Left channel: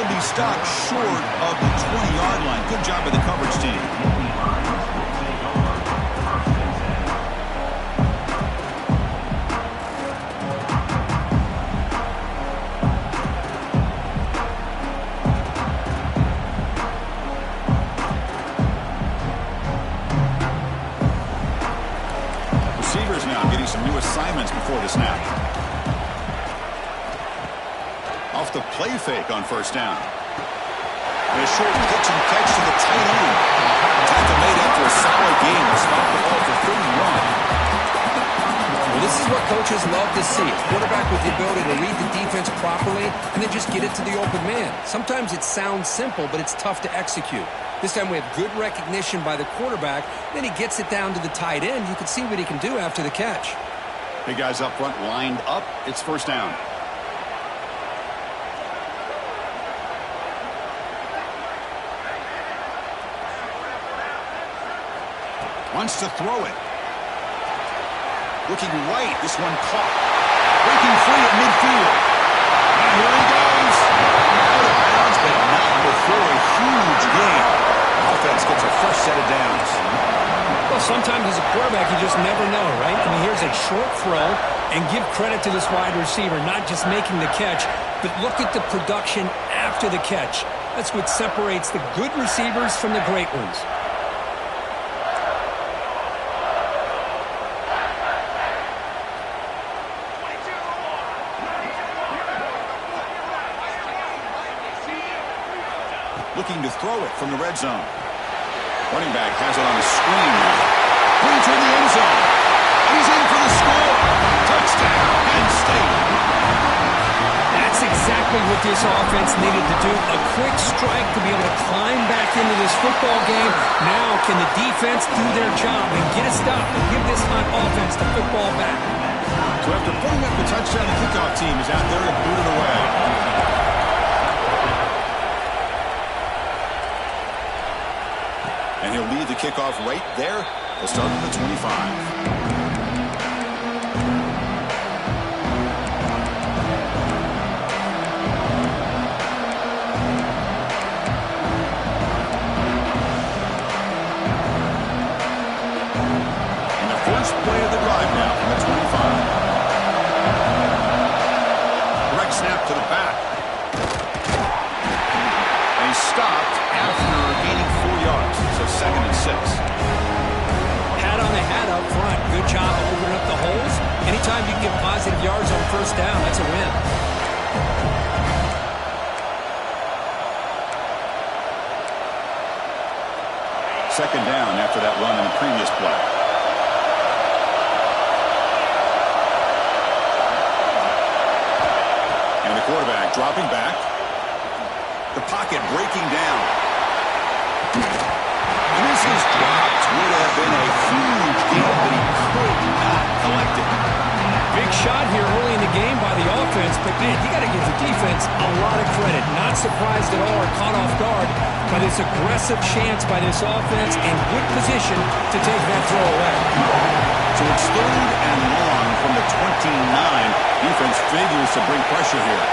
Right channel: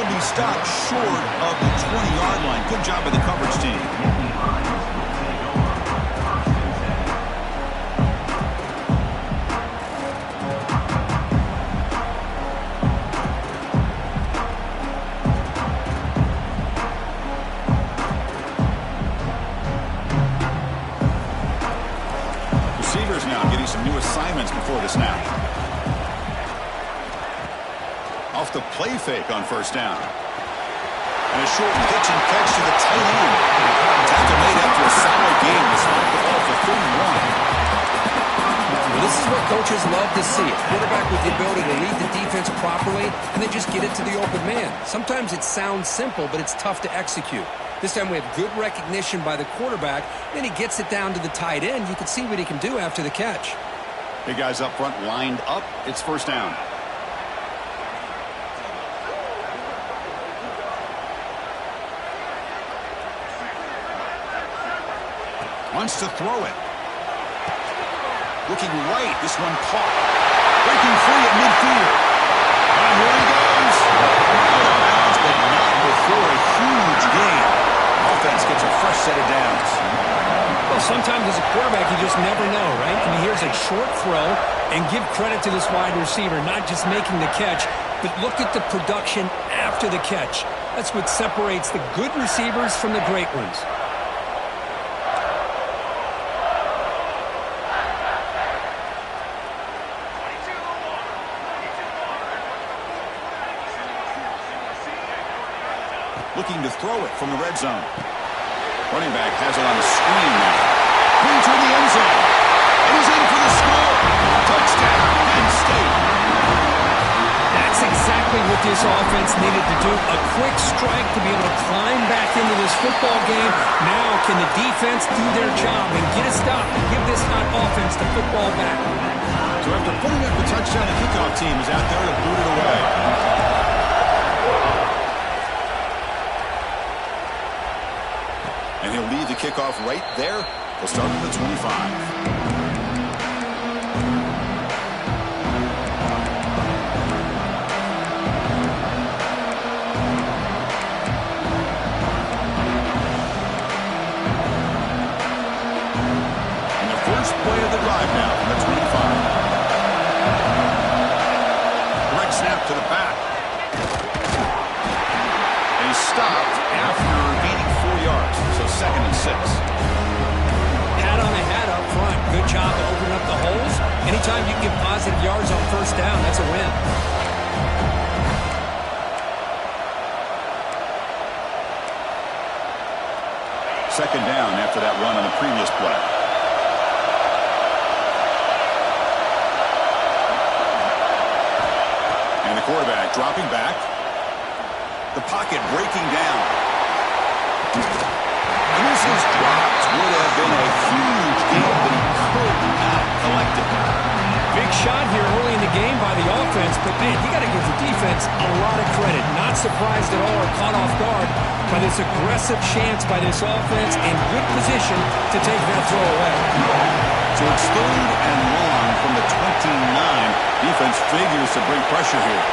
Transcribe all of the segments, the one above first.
he'll be stopped short of the 20-yard line. Good job by the coverage team. Receivers now getting some new assignments before the snap. Off the play fake on first down. And a short pitch and catch to the tight end. Tackle made after a solid game. They spot the ball for 31. Well, this is what coaches love to see. A quarterback with the ability to read the defense properly and then just get it to the open man. Sometimes it sounds simple, but it's tough to execute. This time we have good recognition by the quarterback. Then he gets it down to the tight end. You can see what he can do after the catch. Big guys up front lined up. It's first down. Wants to throw it. Looking right. This one caught. Breaking free at midfield. And here he goes. Out of bounds, but not before a huge gain. Offense gets a fresh set of downs. Well, sometimes as a quarterback, you just never know, right? I mean, here's a short throw, and give credit to this wide receiver, not just making the catch, but look at the production after the catch. That's what separates the good receivers from the great ones. Looking to throw it from the red zone. Running back has it on the screen now. Going toward the end zone. And he's in for the score. Touchdown, Penn State. That's exactly what this offense needed to do. A quick strike to be able to climb back into this football game. Now can the defense do their job and get a stop and give this hot offense the football back? So after putting up the touchdown, the kickoff team is out there to boot it away. And he'll lead the kickoff right there. He'll start at the 25. First play of the drive now from the 25. Direct snap to the back. And he's stopped after gaining 4 yards, so 2nd and 6. Hat on a hat up front. Good job of opening up the holes. Anytime you can get positive yards on first down, that's a win. Second down after that run on the previous play. And the quarterback dropping back. The pocket breaking down. And this is dropped. Would have been a huge gain, but he could not collect it. Big shot here early in the game by the offense, but man, you got to give the defense a lot of credit. Not surprised at all or caught off guard by this aggressive chance by this offense and good position to take that throw away. So it's 3rd and long from the 29. Defense figures to bring pressure here.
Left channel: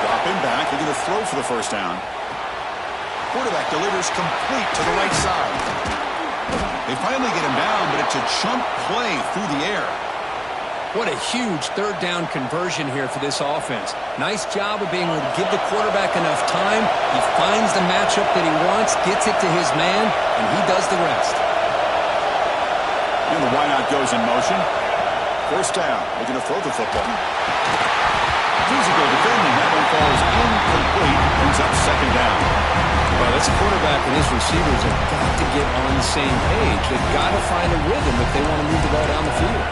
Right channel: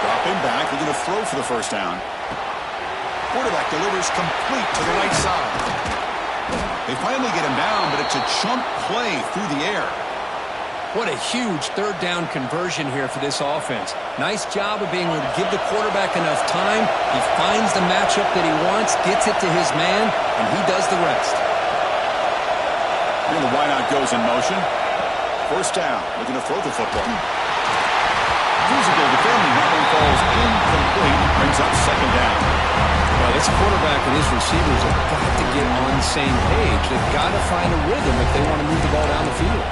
Dropping back. They're going to throw for the first down. Quarterback delivers complete to the right side. They finally get him down, but it's a chunk play through the air. What a huge 3rd down conversion here for this offense. Nice job of being able to give the quarterback enough time. He finds the matchup that he wants, gets it to his man, and he does the rest. And the wideout goes in motion. First down. Looking to throw the football. Physical defending. That one falls incomplete. Brings up 2nd down. Well, this quarterback and his receivers have got to get on the same page. They've got to find a rhythm if they want to move the ball down the field.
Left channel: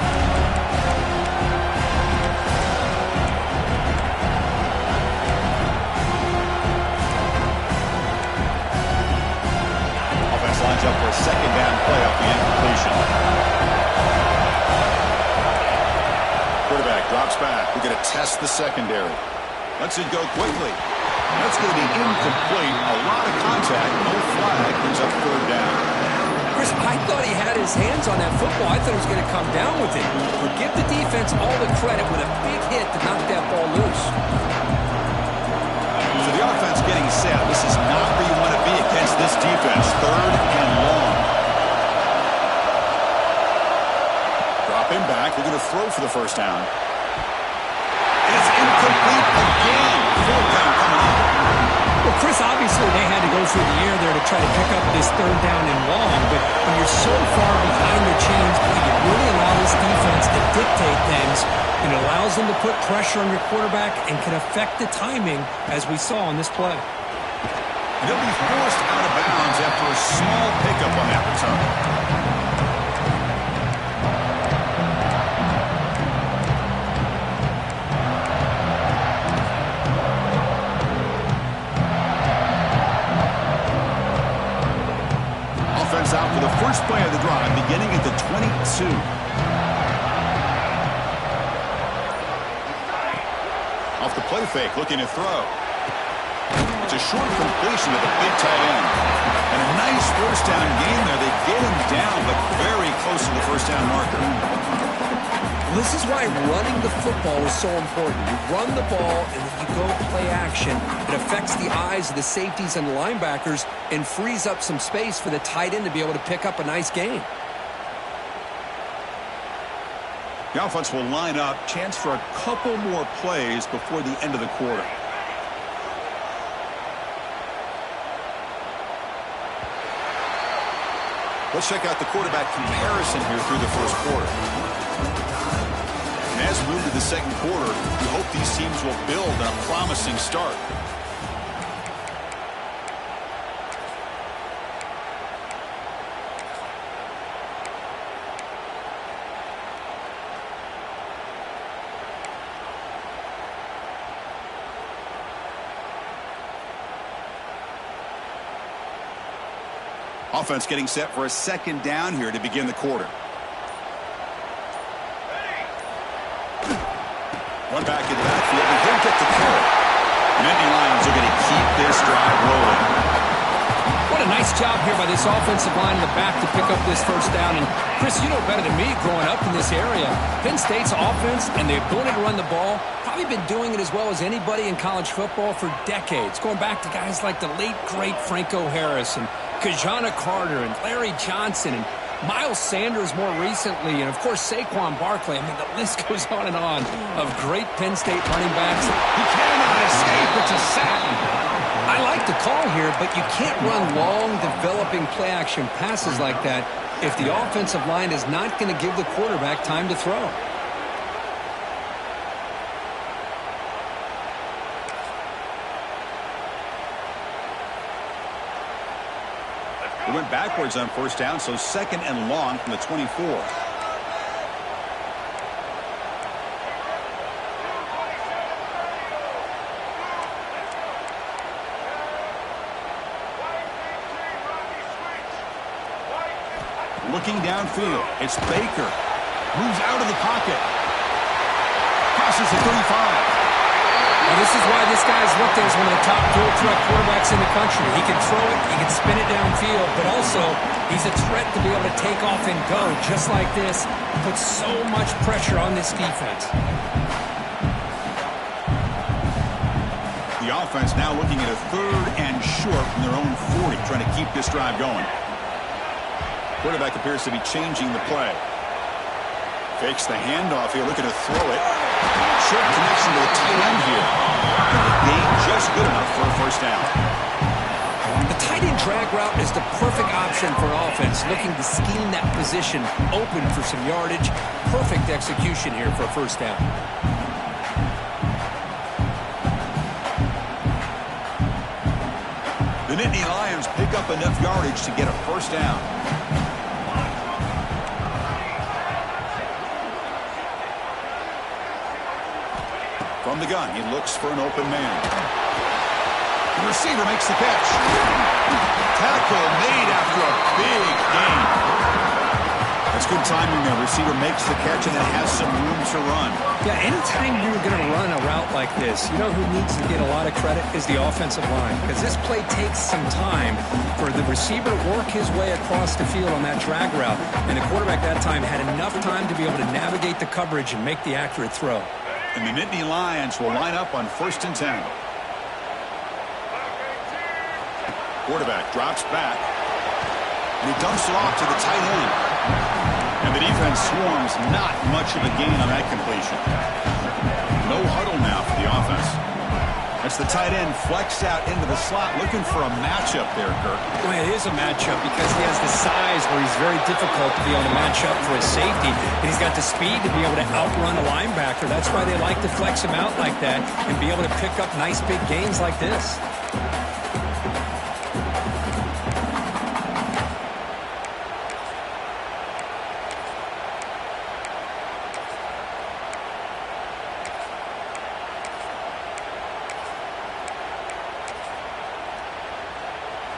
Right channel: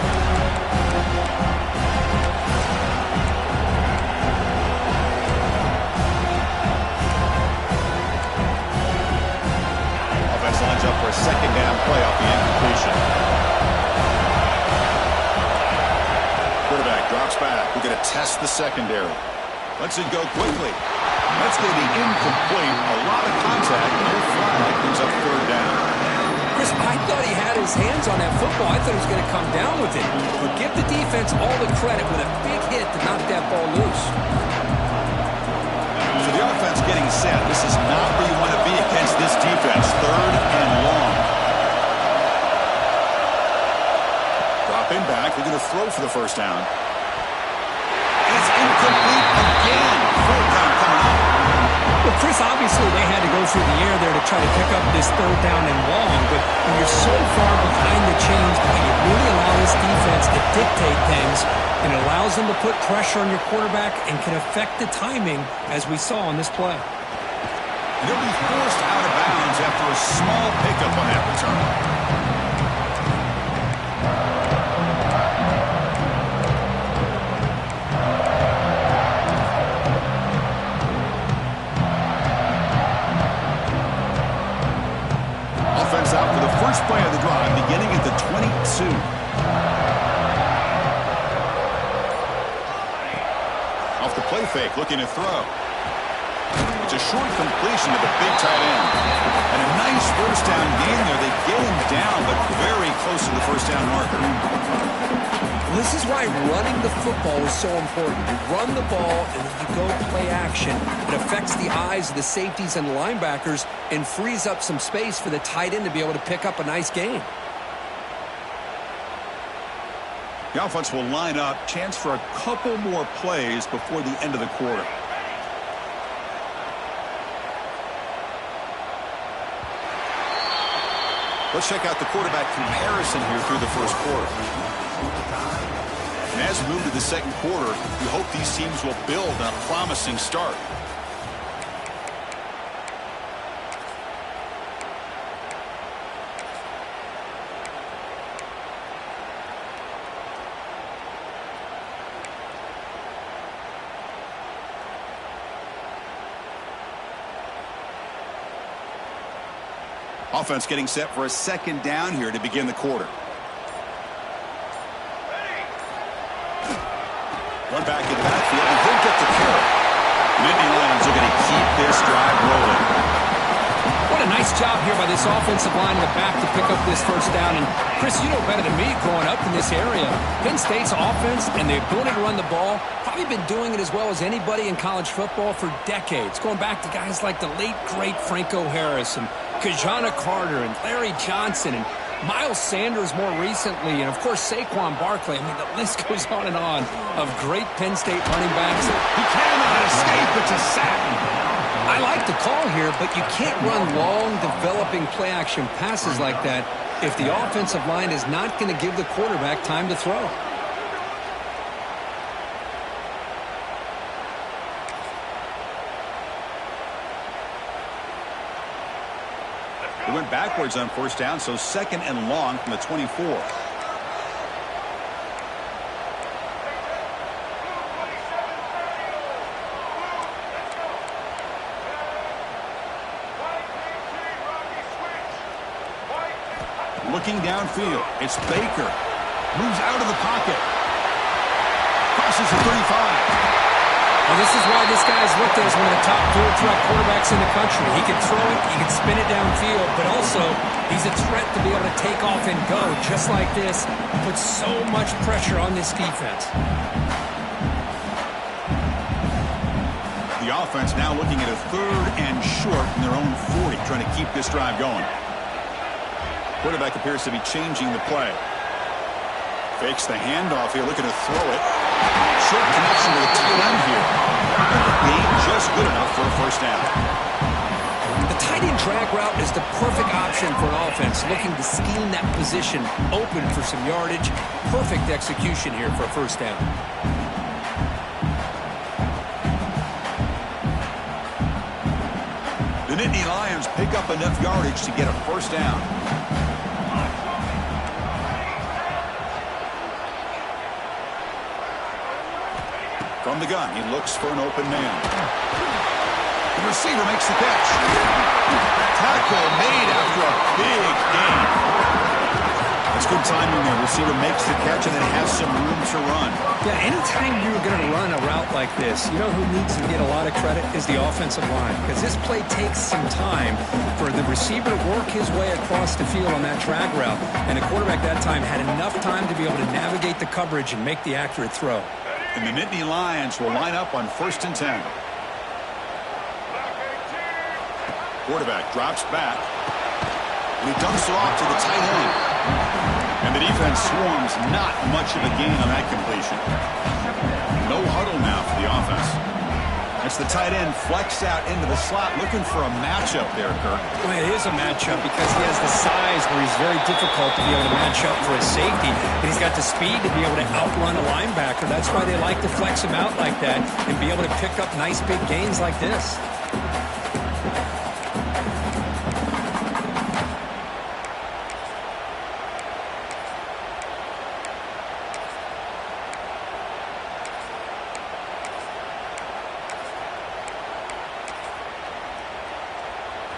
Offense lines up for a 2nd down play off the incompletion. Quarterback drops back. We're going to test the secondary. Lets it go quickly. That's going to be incomplete. A lot of contact. No flag. Brings up 3rd down. Chris, I thought he had his hands on that football. I thought he was going to come down with it. But give the defense all the credit with a big hit to knock that ball loose. So the being set. This is not where you want to be against this defense. 3rd and long. Dropping back. They're going to throw for the first down. And it's incomplete again. 4th down coming up. Well, Chris, obviously they had to go through the air there to try to pick up this 3rd down and long, but when you're so far behind the chains, you really allow this defense to dictate things, and it allows them to put pressure on your quarterback and can affect the timing, as we saw on this play. And he'll be forced out of bounds after a small pickup on that return. Offense out for the first play of the drive, beginning at the 22. Off the play fake, looking to throw. It's a short completion to the big tight end. And a nice first down gain there. They get him down, but very close to the first down marker. Well, this is why running the football is so important. You run the ball, and then you go play action. It affects the eyes of the safeties and the linebackers and frees up some space for the tight end to be able to pick up a nice gain. The offense will line up. Chance for a couple more plays before the end of the quarter. Let's check out the quarterback comparison here through the first quarter. And as we move to the second quarter, we hope these teams will build on a promising start. Offense getting set for a second down here to begin the quarter. One back in the backfield, and he'll get the carry. Nittany Lions are going to keep this drive rolling. What a nice job here by this offensive line in the back to pick up this first down. And, Chris, you know better than me growing up in this area. Penn State's offense and the ability to run the ball, probably been doing it as well as anybody in college football for decades, going back to guys like the late, great Franco Harris and Kajana Carter and Larry Johnson and Miles Sanders more recently, and, of course, Saquon Barkley. I mean, the list goes on and on of great Penn State running backs. He cannot escape. It's a sack. I like the call here, but you can't run long, developing play-action passes like that if the offensive line is not going to give the quarterback time to throw. They went backwards on first down, so second and long from the 24. Looking downfield, it's Baker. Moves out of the pocket. Crosses the 35. Well, this is why this guy's looked at as one of the top dual threat quarterbacks in the country. He can throw it, he can spin it downfield, but also he's a threat to be able to take off and go just like this. Puts so much pressure on this defense. The offense now looking at a 3rd and short from their own 40, trying to keep this drive going. Quarterback appears to be changing the play. Fakes the handoff here, looking to throw it. Short connection to the tight end here. And the gain just good enough for a first down. The tight end drag route is the perfect option for an offense looking to scheme that position open for some yardage. Perfect execution here for a first down. The Nittany Lions pick up enough yardage to get a first down. From the gun, he looks for an open man. The receiver makes the catch. Tackle made after a big gain. That's good timing there. Receiver makes the catch and then has some room to run. Yeah, anytime you're going to run a route like this, you know who needs to get a lot of credit is the offensive line. Because this play takes some time for the receiver to work his way across the field on that drag route. And the quarterback that time had enough time to be able to navigate the coverage and make the accurate throw. And the Nittany Lions will line up on 1st and 10. Quarterback drops back, and he dumps it off to the tight end. And the defense swarms, not much of a gain on that completion. No huddle now for the offense. It's the tight end flexed out into the slot, looking for a matchup there, Kirk. Well, it is a matchup because he has the size where he's very difficult to be able to match up for his safety. And he's got the speed to be able to outrun a linebacker. That's why they like to flex him out like that and be able to pick up nice big gains like this.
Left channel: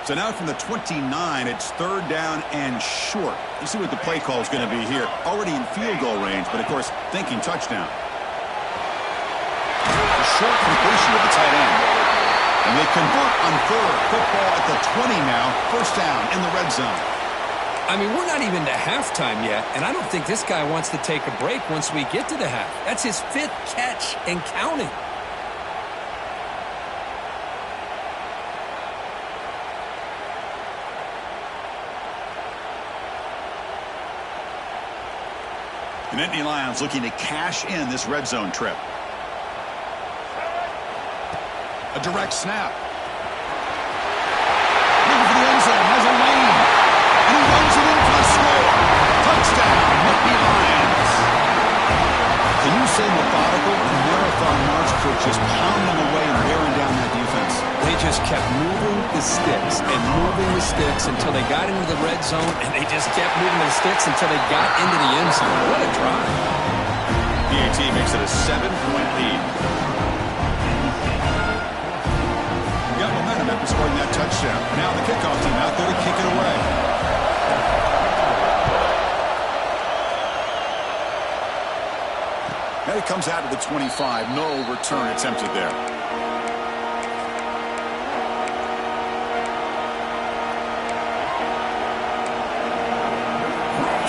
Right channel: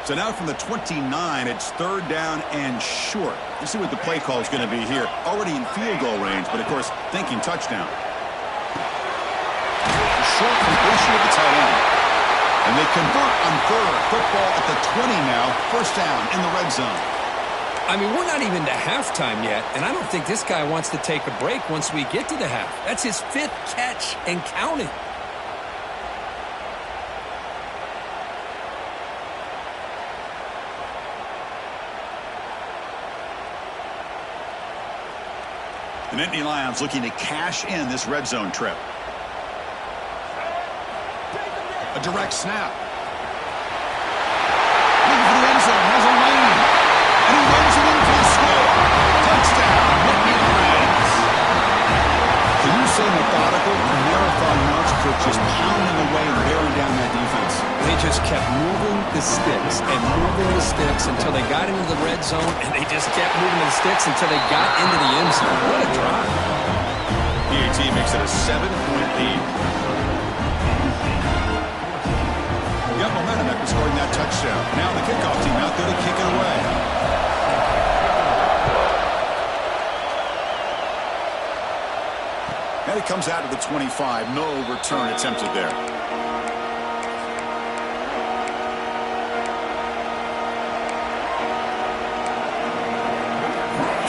So now from the 29, it's 3rd down and short. Let's see what the play call is going to be here. Already in field goal range, but of course, thinking touchdown. A short completion of the tight end. And they convert on 3rd. Football at the 20 now. 1st down in the red zone. I mean, we're not even to halftime yet, and I don't think this guy wants to take a break once we get to the half. That's his 5th catch and counting. The Nittany Lions looking to cash in this red zone trip. A direct snap. Looking for the end zone, has a lane. And he runs it in for the score. Touchdown, Nittany Lions. Can you say methodical? A marathon march, Kirk, just pounding away and bearing down that defense. They just kept moving the sticks and moving the sticks until they got into the red zone, and they just kept moving the sticks until they got into the end zone. What a drive. PAT makes it a 7-point lead. Got momentum after scoring that touchdown. Now the kickoff team out there to kick it away. And it comes out to the 25. No return attempted there.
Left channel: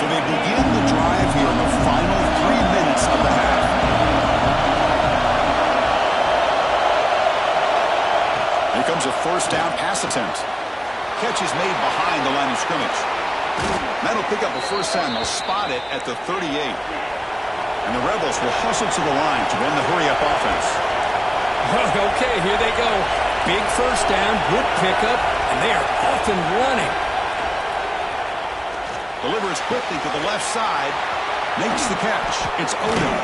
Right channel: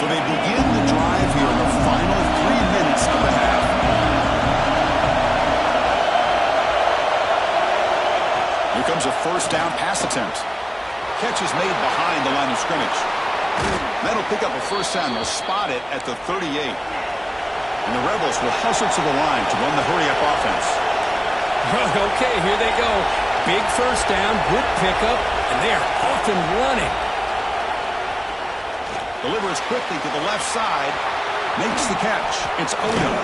So they begin the drive here in the final 3 minutes of the half. Here comes a 1st down pass attempt. Catch is made behind the line of scrimmage. That'll pick up a 1st down. They'll spot it at the 38. And the Rebels will hustle to the line to run the hurry-up offense. Okay, here they go. Big 1st down, good pickup, and they are off and running. Delivers quickly to the left side. Makes the catch. It's Odom.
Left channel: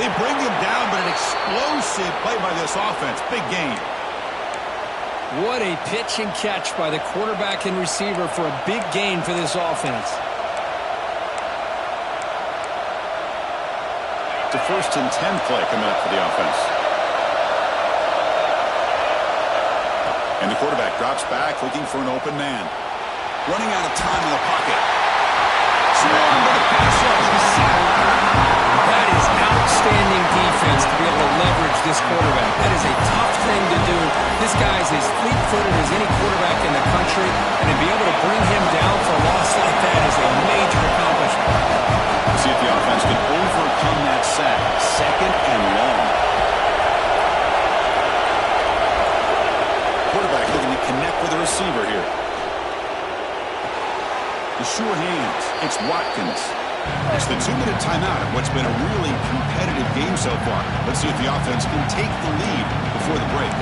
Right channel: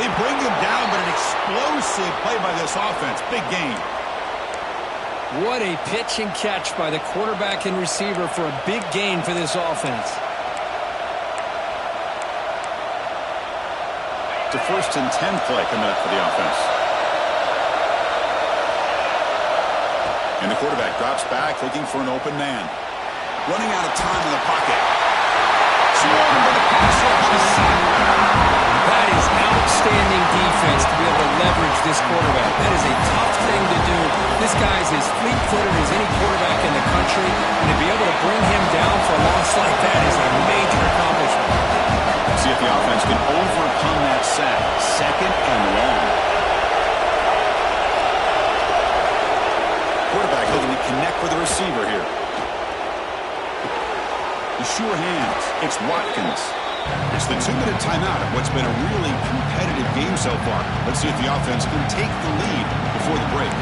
They bring him down, but an explosive play by this offense. Big gain. What a pitch and catch by the quarterback and receiver for a big gain for this offense. It's a 1st and 10 play coming up for the offense. And the quarterback drops back looking for an open man. Running out of time in the pocket. Swarm with a pass rush. He's sacked. That is outstanding defense to be able to leverage this quarterback. That is a tough thing to do. This guy's as fleet-footed as any quarterback in the country, and to be able to bring him down for a loss like that is a major accomplishment. See if the offense can overcome that sack. 2nd and long. Quarterback looking to connect with the receiver here. The sure hands. It's Watkins. It's the 2-minute timeout of what's been a really competitive game so far. Let's see if the offense can take the lead before the break.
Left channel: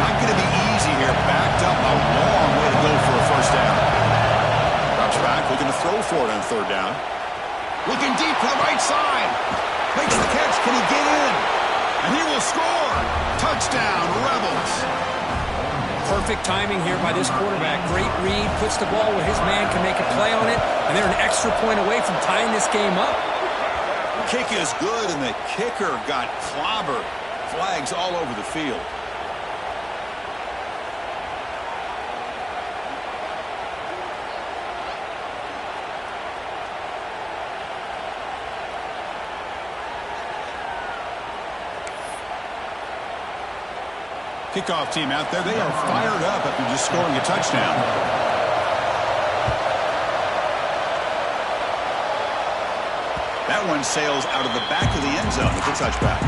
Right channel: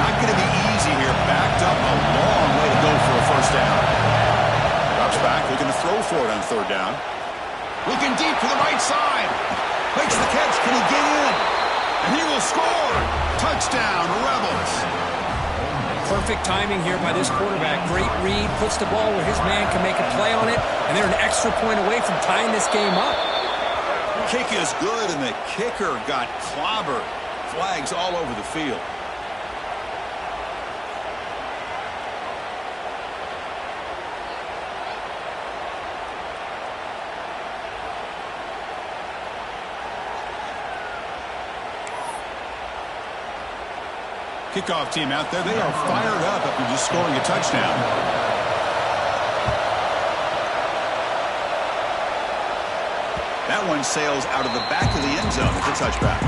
Not going to be easy here. Backed up a long way to go for a 1st down. Drops back, looking to throw for it on 3rd down. Looking deep to the right side. Makes the catch. Can he get in? And he will score. Touchdown, Rebels. Perfect timing here by this quarterback. Great read. Puts the ball where his man can make a play on it. And they're an extra point away from tying this game up. Kick is good, and the kicker got clobbered. Flags all over the field. Kickoff team out there. They are fired up after just scoring a touchdown. That one sails out of the back of the end zone. It's a touchback.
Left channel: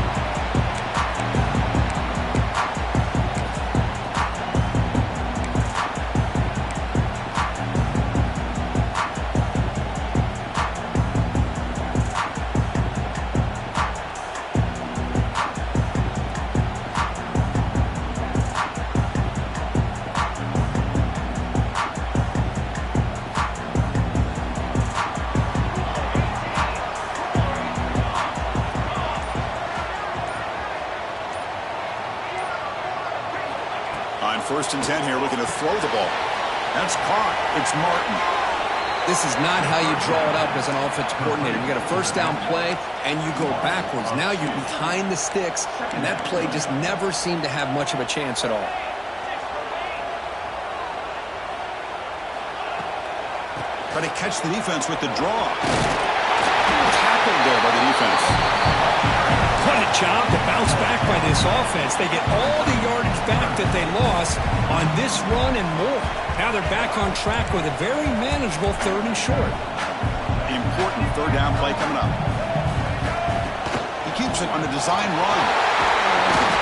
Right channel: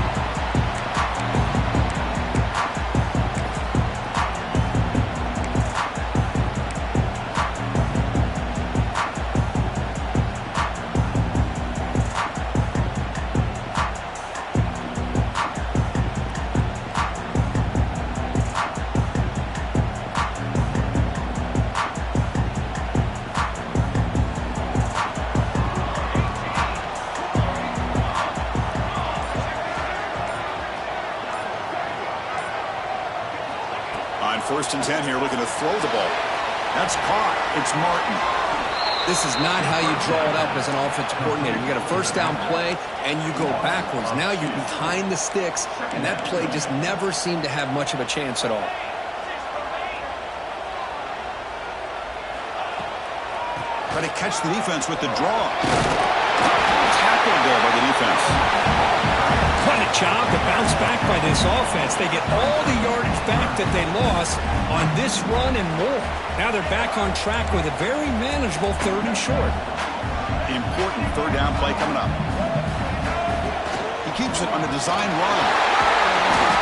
On 1st and 10 here, looking to throw the ball. That's caught. It's Martin. This is not how you draw it up as an offensive coordinator. You got a first down play, and you go backwards. Now you're behind the sticks, and that play just never seemed to have much of a chance at all. Try to catch the defense with the draw. Tackled there by the defense. What a job to bounce back by this offense. They get all the yardage back that they lost on this run and more. Now they're back on track with a very manageable 3rd and short. Important 3rd down play coming up. He keeps it on the design run.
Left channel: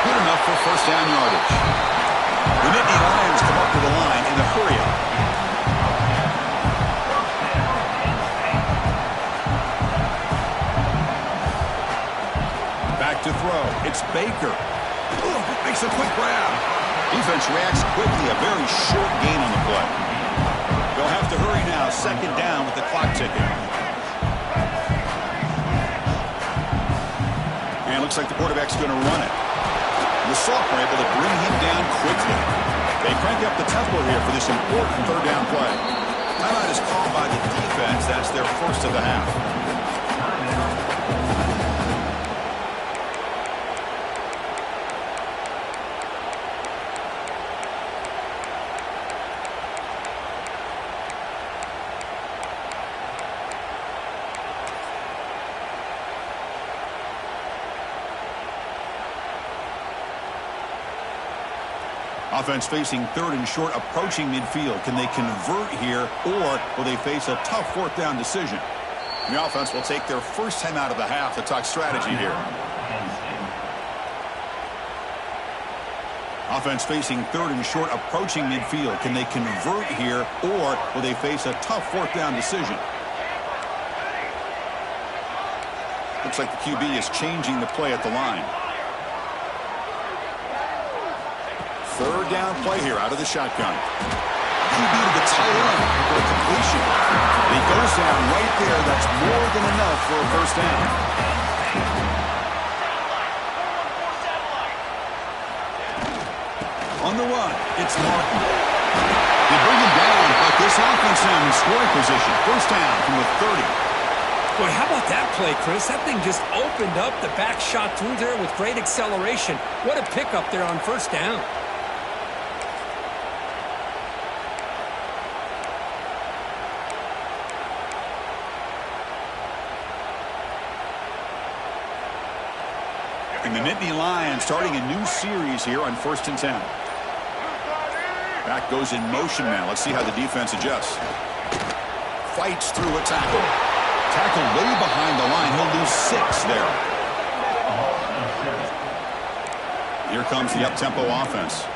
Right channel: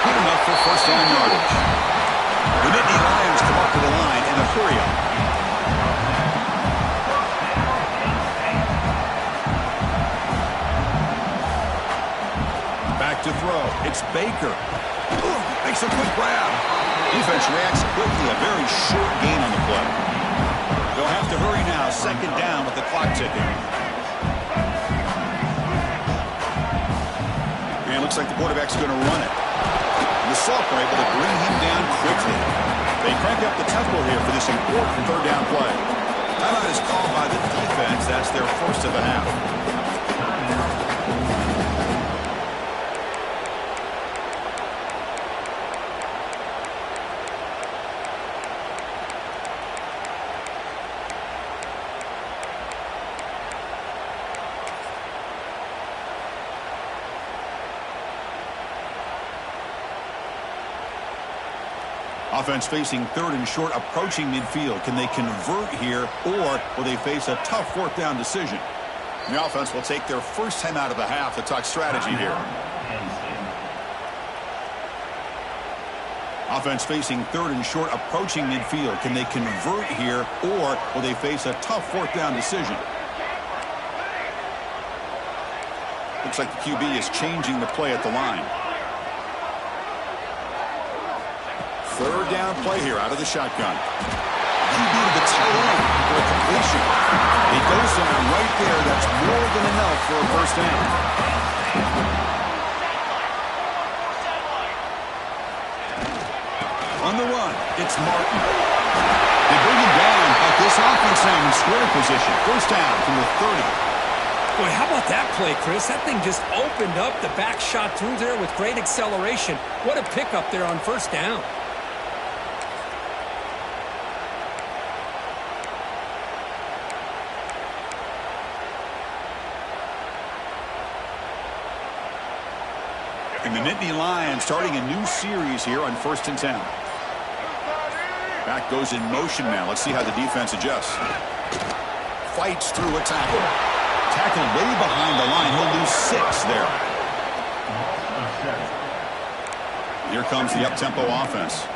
Good enough for 1st down yardage. The Nittany Lions come up to the line in a hurry-up. Back to throw. It's Baker. Ooh, makes a quick grab. Defense reacts quickly. A very short gain on the play. They'll have to hurry now. 2nd down with the clock ticking. And it looks like the quarterback's going to run it. The sophomore able to bring him down quickly. They crank up the tempo here for this important 3rd down play. Timeout is called by the defense. That's their first of the half. Offense facing 3rd and short, approaching midfield. Can they convert here, or will they face a tough 4th down decision? The offense will take their first time out of the half to talk strategy here. Offense facing 3rd and short, approaching midfield. Can they convert here, or will they face a tough 4th down decision? Looks like the QB is changing the play at the line. 3rd down play here out of the shotgun. QB to the tight end for a completion. And he goes down right there. That's more than enough for a 1st down. On the run, it's Martin. They bring him down, but this offense now in scoring position. 1st down from the 30. Boy, how about that play, Chris? That thing just opened up. The back shot through there with great acceleration. What a pickup there on 1st down. And the Nittany Lions starting a new series here on 1st and 10. Back goes in motion now. Let's see how the defense adjusts. Fights through a tackle. Tackle way behind the line. He'll lose 6 there. Here comes the up-tempo offense.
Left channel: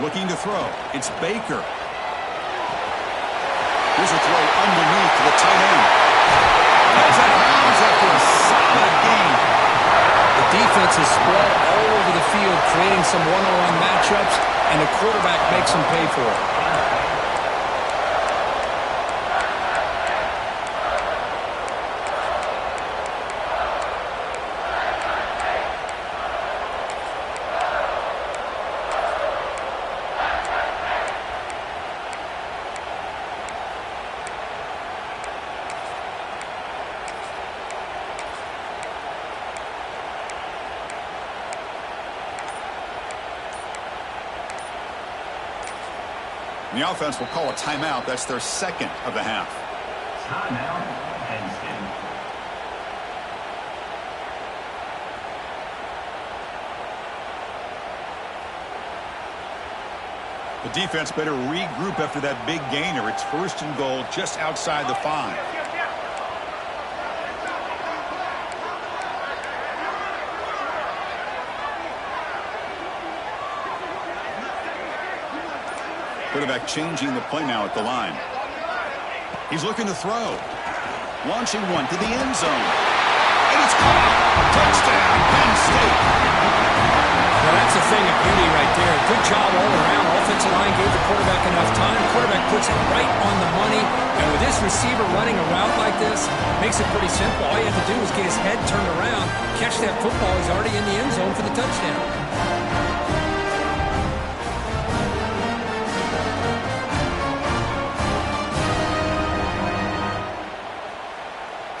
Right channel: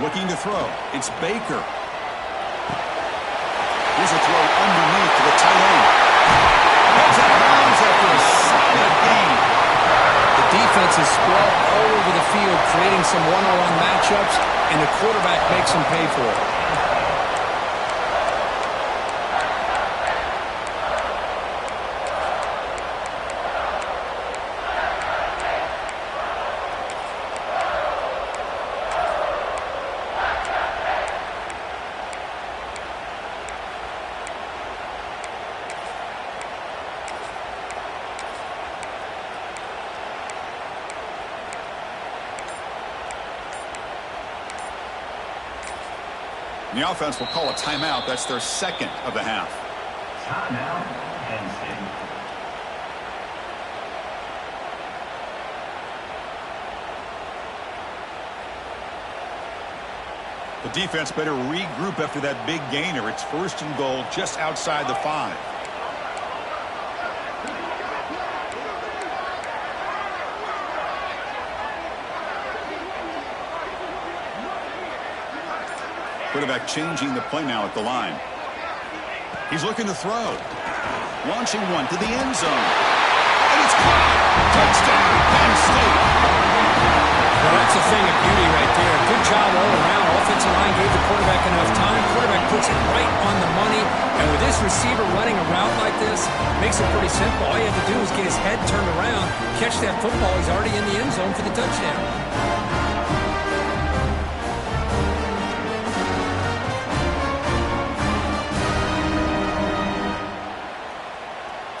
Looking to throw. It's Baker. Here's a throw underneath to the tight end. Goes out of bounds after a solid gain. The defense is spread all over the field, creating some one-on-one matchups, and the quarterback makes them pay for it. And the offense will call a timeout. That's their 2nd of the half. Timeout, Penn State. The defense better regroup after that big gainer. It's 1st and goal just outside the 5. Quarterback changing the play now at the line. He's looking to throw. Launching one to the end zone. And it's caught. Touchdown, Penn State. Well, that's a thing of beauty right there. Good job all around. Offensive line gave the quarterback enough time. Quarterback puts it right on the money. And with this receiver running a route like this, makes it pretty simple. All you have to do is get his head turned around, catch that football. He's already in the end zone for the touchdown.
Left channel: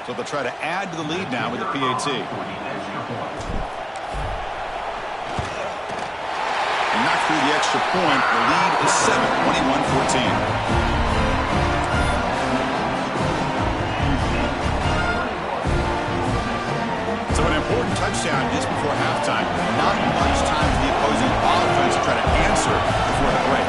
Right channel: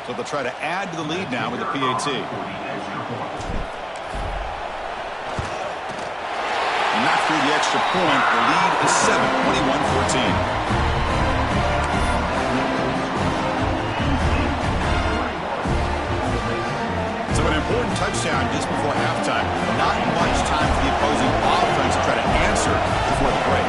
So they'll try to add to the lead now with the PAT. And knocked through the extra point. The lead is 7, 21-14. So an important touchdown just before halftime. Not much time for the opposing offense to try to answer before the break.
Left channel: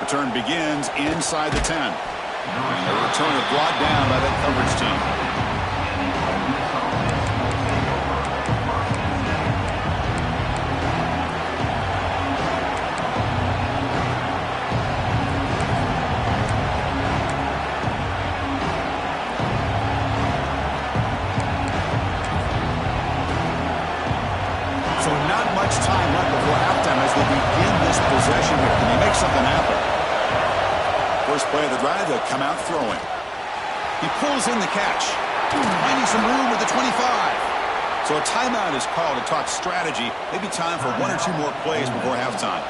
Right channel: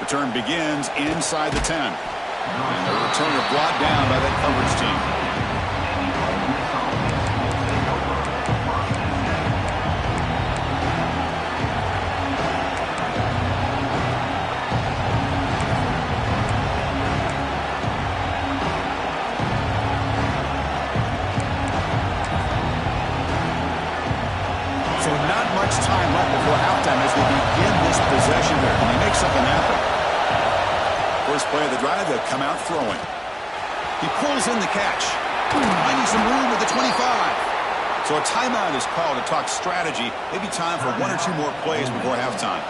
Return begins inside the 10. And the returner brought down by that coverage team. So not much time left before halftime as they begin this possession here. Can they make something happen? First play of the drive, they'll come out throwing. He pulls in the catch. Finding some room with the 25. So a timeout is called to talk strategy. Maybe time for 1 or 2 more plays before halftime.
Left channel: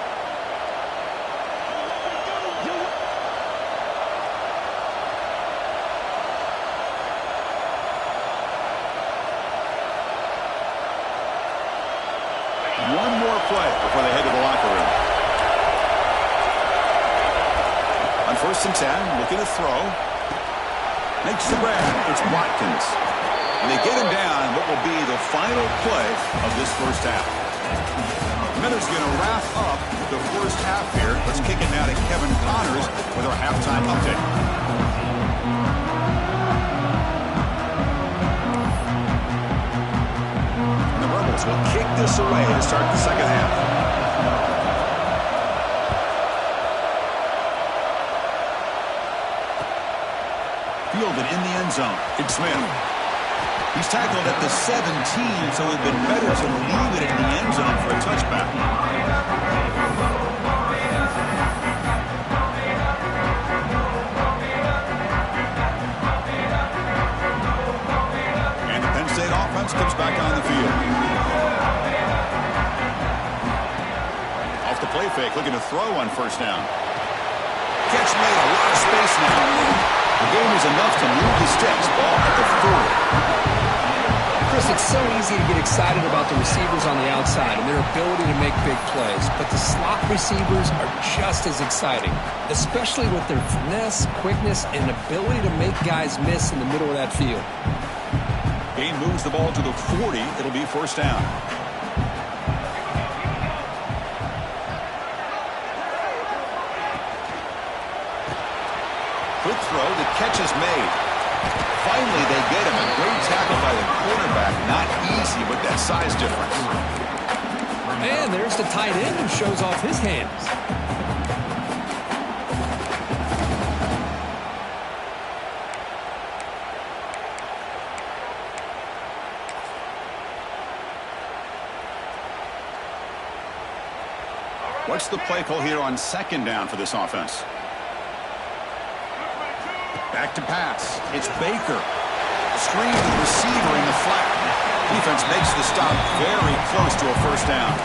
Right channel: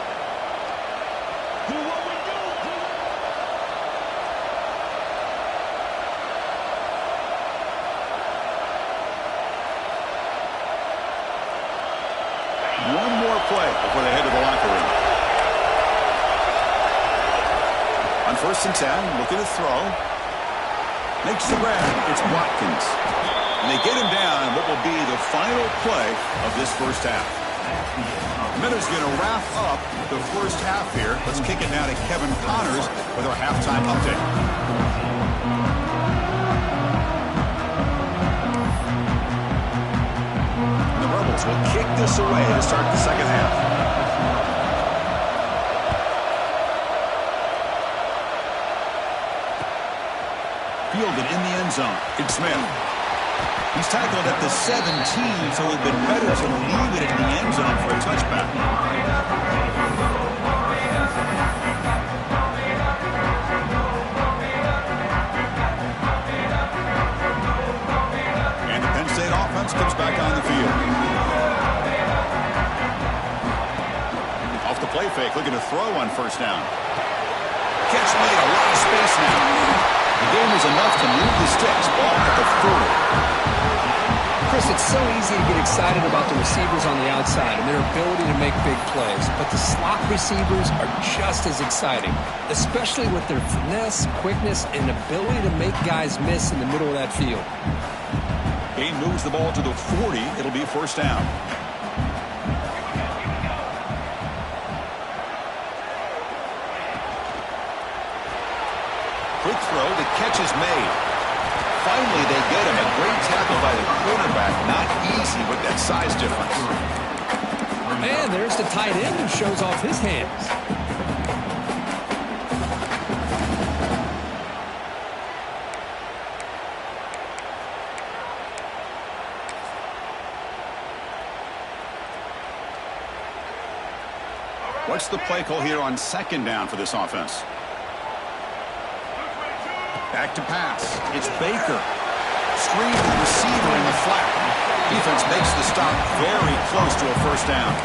One more play before they head to the locker room. On 1st and 10, looking to throw. Makes the grab. It's Watkins. And they get him down in what will be the final play of this first half. Miller's going to wrap up the first half here. Let's kick it now to Kevin Connors with our halftime update. And the Rebels will kick this away to start the second half. Fielded in the end zone. It's Smith. He's tackled at the 17, so it would have been better to leave it in the end zone for a touchback. And the Penn State offense comes back on the field. Off the play fake, looking to throw on 1st down. Catch made, a lot of space now. The game is enough to move the sticks. Ball at the 40. Chris, it's so easy to get excited about the receivers on the outside and their ability to make big plays. But the slot receivers are just as exciting, especially with their finesse, quickness, and ability to make guys miss in the middle of that field. Gain moves the ball to the 40. It'll be 1st down. Quick throw, the catch is made. Finally, they get him. A great tackle by the quarterback. Not easy with that size difference. And there's the tight end who shows off his hands. What's the play call here on 2nd down for this offense? Back to pass. It's Baker. Screen to the receiver in the flat. Defense makes the stop very close to a 1st down.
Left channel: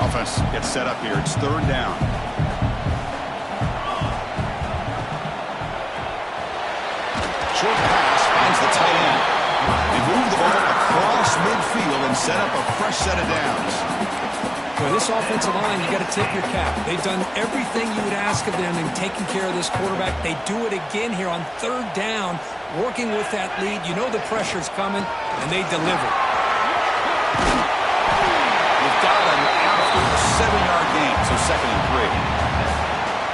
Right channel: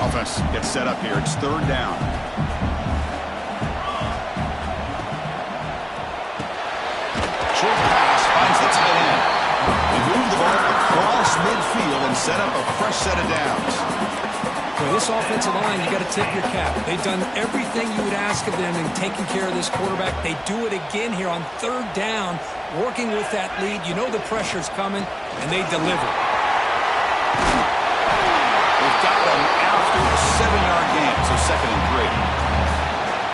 Offense gets set up here. It's 3rd down. Short pass finds the tight end. They move the ball across midfield and set up a fresh set of downs. For this offensive line, you got to tip your cap. They've done everything you would ask of them in taking care of this quarterback. They do it again here on third down, working with that lead. You know the pressure's coming, and they deliver. They've got him after a 7-yard gain, so 2nd and 3.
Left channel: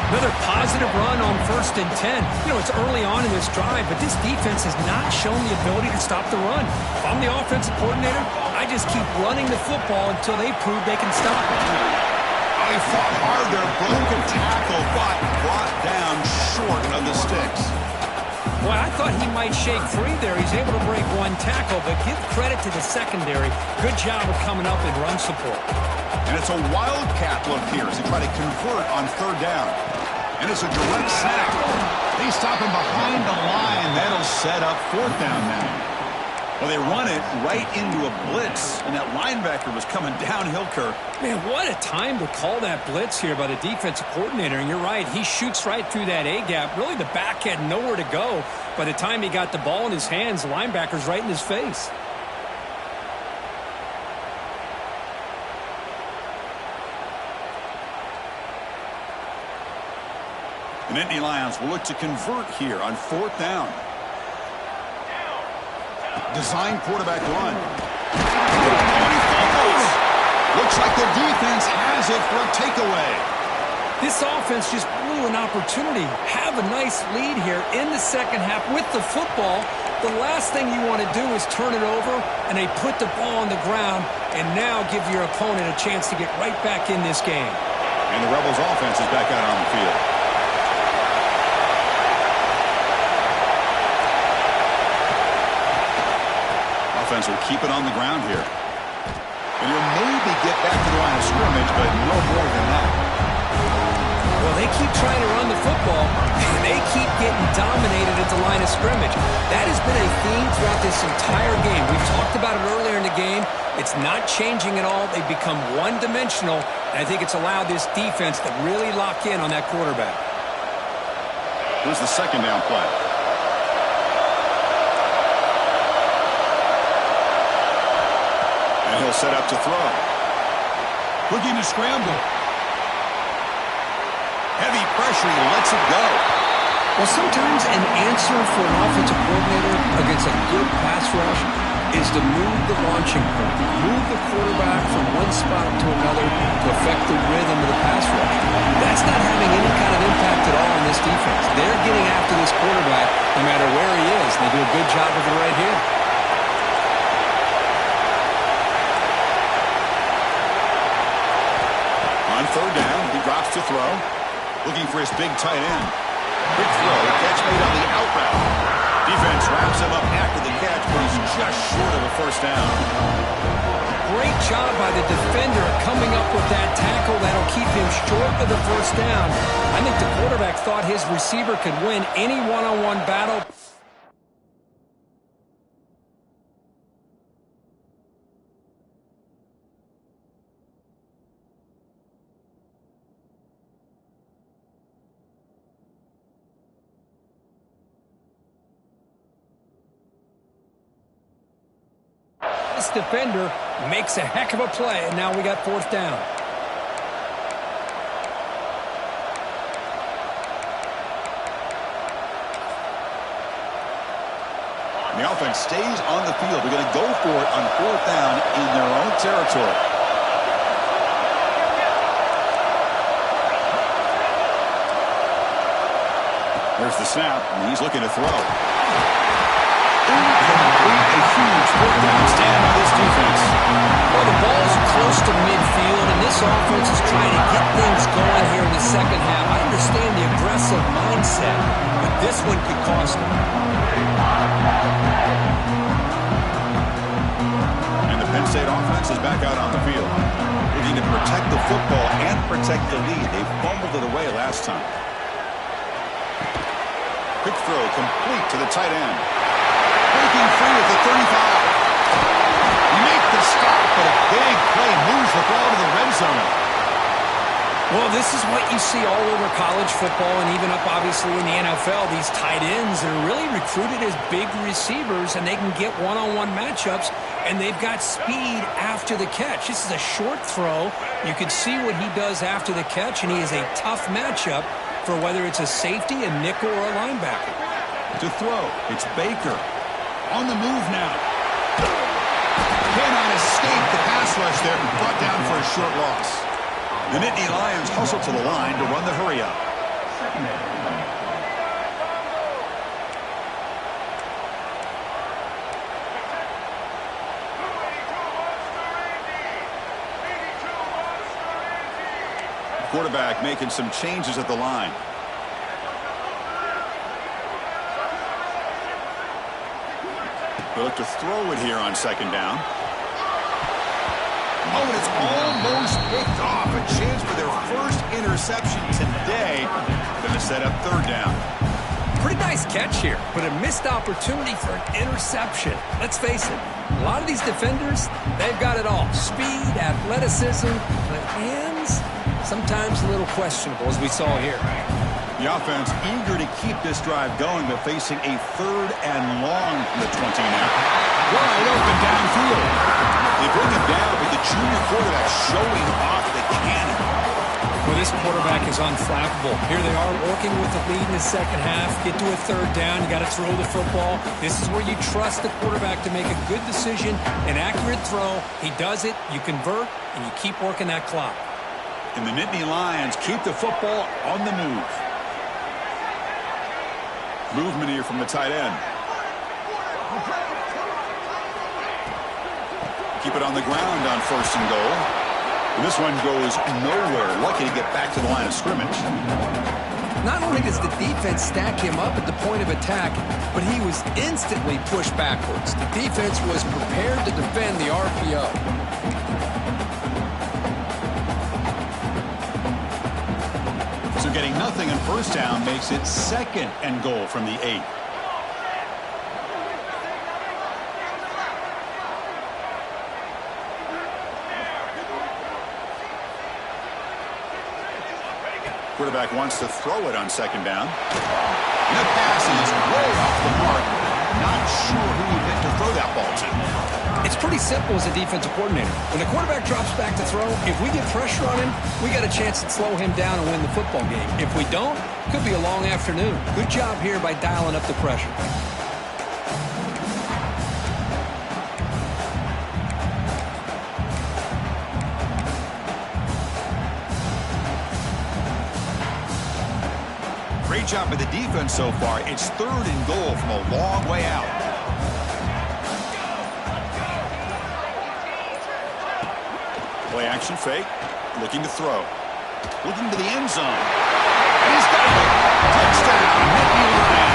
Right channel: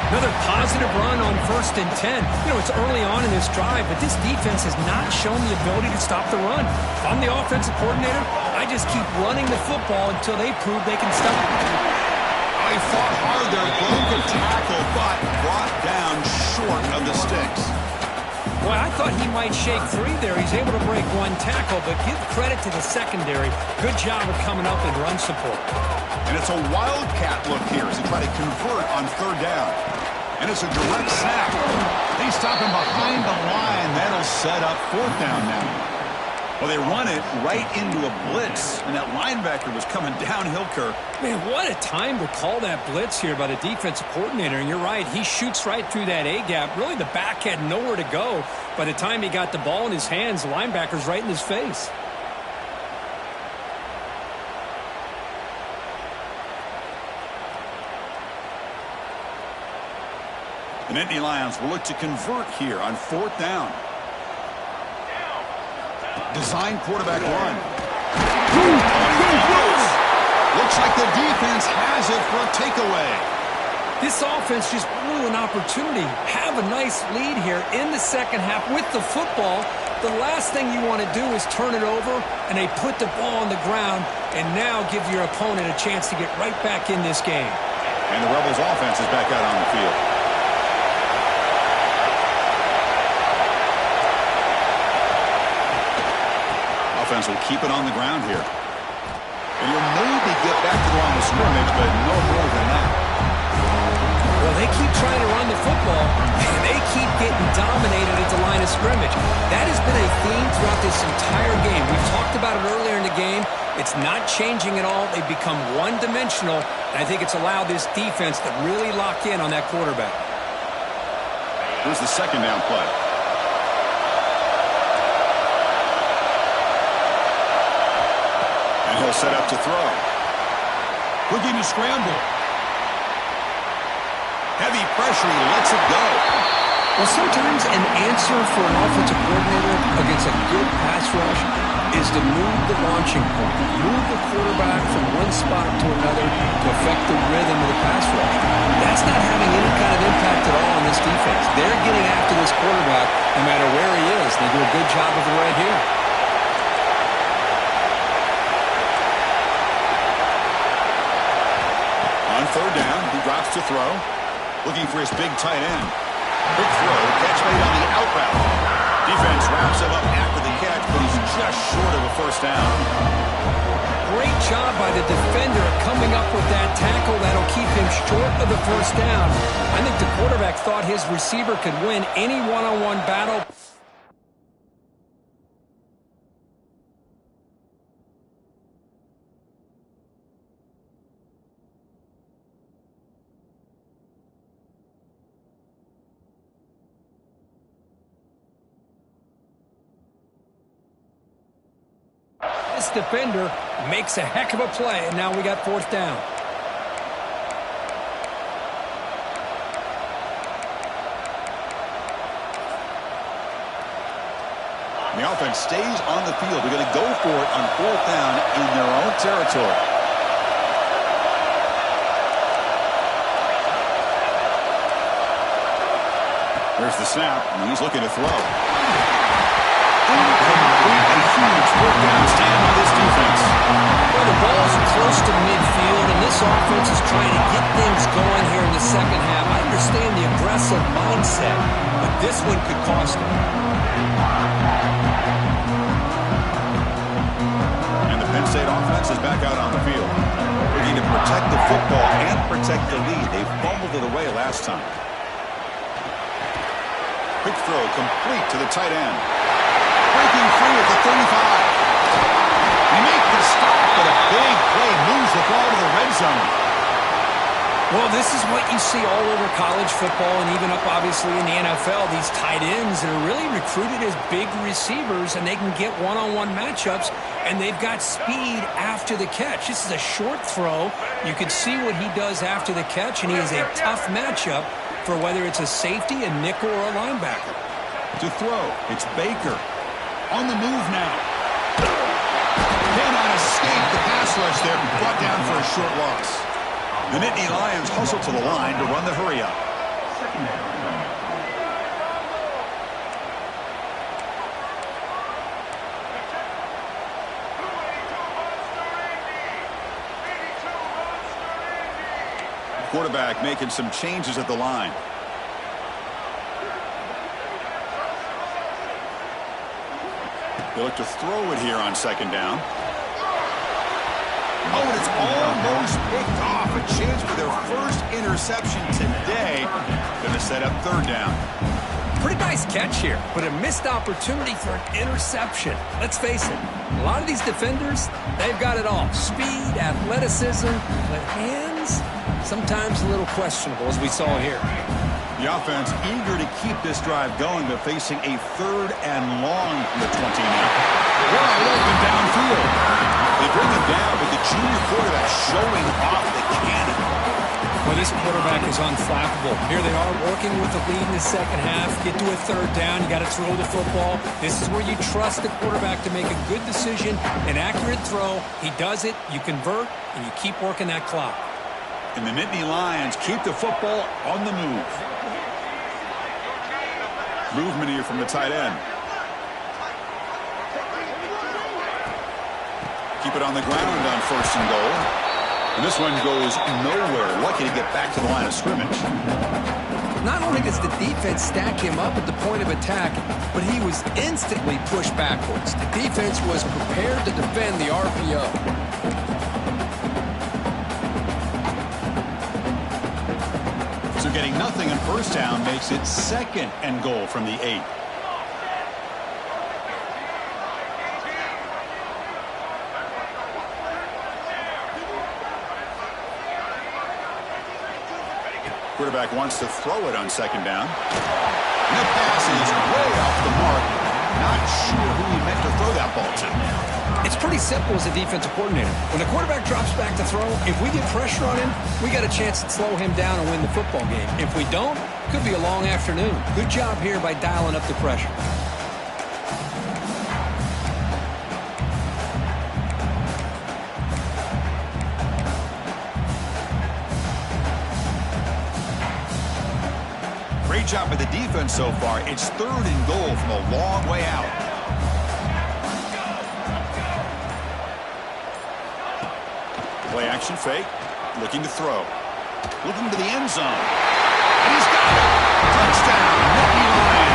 Another positive run on 1st and 10. You know, it's early on in this drive, but this defense has not shown the ability to stop the run. If I'm the offensive coordinator, I just keep running the football until they prove they can stop it. Oh, he fought hard there, broke a tackle, but brought down short of the sticks. Boy, I thought he might shake free there. He's able to break one tackle, but give credit to the secondary. Good job of coming up in run support. And it's a wildcat look here as they try to convert on 3rd down. And it's a direct snap. They stop him behind the line. That'll set up 4th down now. Well, they run it right into a blitz, and that linebacker was coming downhill, Kirk. Man, what a time to call that blitz here by the defensive coordinator. And you're right, he shoots right through that A-gap. Really, the back had nowhere to go. By the time he got the ball in his hands, the linebacker's right in his face. The Nittany Lions will look to convert here on 4th down. Design quarterback run. Oh, he fumbles. Looks like the defense has it for a takeaway. This offense just blew an opportunity. Have a nice lead here in the 2nd half with the football. The last thing you want to do is turn it over, and they put the ball on the ground and now give your opponent a chance to get right back in this game. And the Rebels offense is back out on the field. Offense will keep it on the ground here. And you'll maybe get back to the line of scrimmage, but no more than that. Well, they keep trying to run the football, and they keep getting dominated at the line of scrimmage. That has been a theme throughout this entire game. We've talked about it earlier in the game. It's not changing at all. They've become one-dimensional, and I think it's allowed this defense to really lock in on that quarterback. Here's the 2nd down play. And he'll set up to throw. Looking to scramble. Heavy pressure, he lets it go. Well, sometimes an answer for an offensive coordinator against a good pass rush is to move the launching point, move the quarterback from one spot to another to affect the rhythm of the pass rush. That's not having any kind of impact at all on this defense. They're getting after this quarterback no matter where he is. They do a good job of it right here. On 3rd down, he drops to throw. Looking for his big tight end. Quick throw, catch made on the out route. Defense wraps him up after the catch, but he's just short of a 1st down. Great job by the defender coming up with that tackle that'll keep him short of the 1st down. I think the quarterback thought his receiver could win any one-on-one battle. This defender makes a heck of a play, and now we got 4th down. And the offense stays on the field. They're going to go for it on 4th down in their own territory. There's the snap, and he's looking to throw. Incomplete, a huge 4th down stand by this defense. Well, the ball's close to midfield, and this offense is trying to get things going here in the 2nd half. I understand the aggressive mindset, but this one could cost them. And the Penn State offense is back out on the field, looking to protect the football and protect the lead. They fumbled it away last time. Quick throw complete to the tight end. Breaking free at the 35. He makes the stop, but a big play moves the ball to the red zone. Well, this is what you see all over college football and even up, obviously, in the NFL. These tight ends that are really recruited as big receivers, and they can get one-on-one matchups, and they've got speed after the catch. This is a short throw. You can see what he does after the catch, and he is a tough matchup for whether it's a safety, a nickel, or a linebacker. To throw, it's Baker. On the move now. Cannot escape the pass rush there. Brought down for a short loss. The Nittany Lions hustle to the line to run the hurry-up. Quarterback making some changes at the line. They look to throw it here on second down. Oh, and it's almost picked off. A chance for their first interception today. Going to set up third down. Pretty nice catch here, but a missed opportunity for an interception. Let's face it, a lot of these defenders, they've got it all. Speed, athleticism, but hands, sometimes a little questionable, as we saw here. The offense eager to keep this drive going, but facing a third and long from the 20 now. Wide open downfield. They bring him down, but the junior quarterback showing off the cannon. Well, this quarterback is unflappable. Here they are working with the lead in the second half. Get to a third down. You got to throw the football. This is where you trust the quarterback to make a good decision, an accurate throw. He does it, you convert, and you keep working that clock. And the Nittany Lions keep the football on the move. Movement here from the tight end. Keep it on the ground on first and goal. And this one goes nowhere. Lucky to get back to the line of scrimmage. Not only does the defense stack him up at the point of attack, but he was instantly pushed backwards. The defense was prepared to defend the RPO. So getting nothing on first down makes it second and goal from the 8. Quarterback wants to throw it on second down. And the pass is way off the mark. Not sure who he meant to throw that ball to. It's pretty simple as a defensive coordinator. When the quarterback drops back to throw, if we get pressure on him, we got a chance to slow him down and win the football game. If we don't, it could be a long afternoon. Good job here by dialing up the pressure. Great job by the defense so far. It's third and goal from a long way out. Play action fake. Looking to throw. Looking to the end zone. And he's got it. Touchdown, Nittany Lions.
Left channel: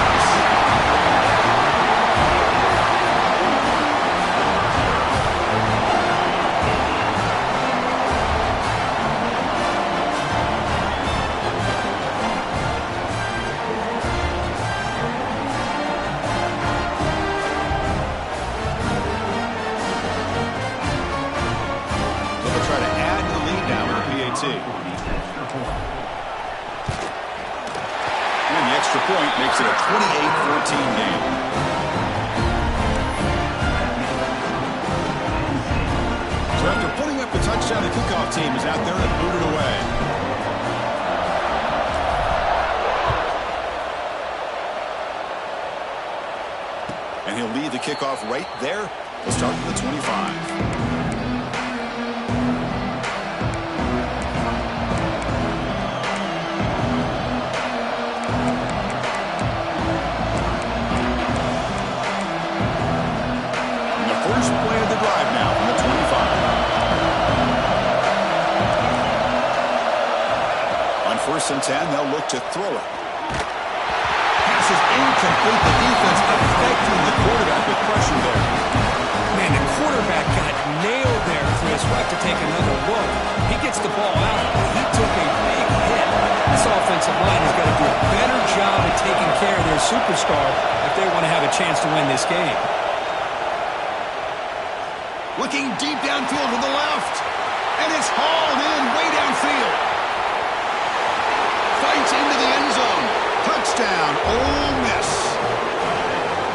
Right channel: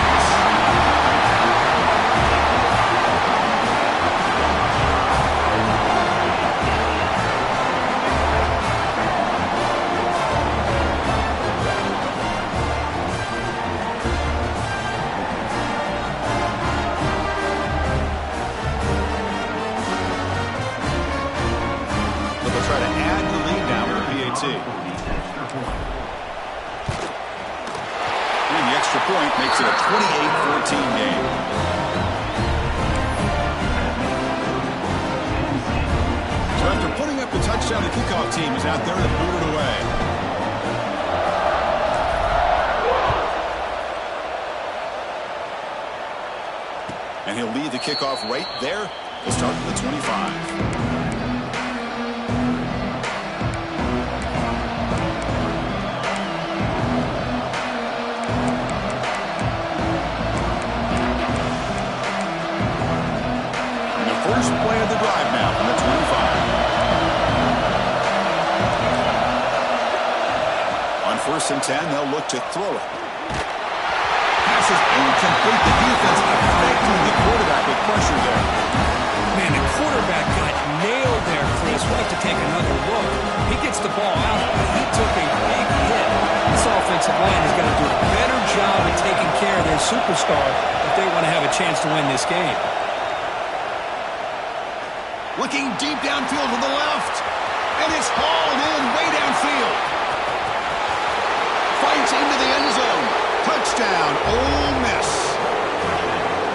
Try to add to the lead now with a PAT. And the extra point makes it a 28-14 game. So after putting up the touchdown, the kickoff team is out there to boot it away. And he'll lead the kickoff right there. We'll start with the 25. First play of the drive now from the 25. On first and 10, they'll look to throw it. Pass is incomplete. The defense affecting the quarterback with pressure there. Man, the quarterback got nailed there, Chris. We'll have to take another look. He gets the ball out, but he took a big hit. This offensive line has got to do a better job of taking care of their superstar if they want to have a chance to win this game. Looking deep downfield to the left. And it's hauled in way downfield. fights into the end zone. Touchdown, Ole Miss.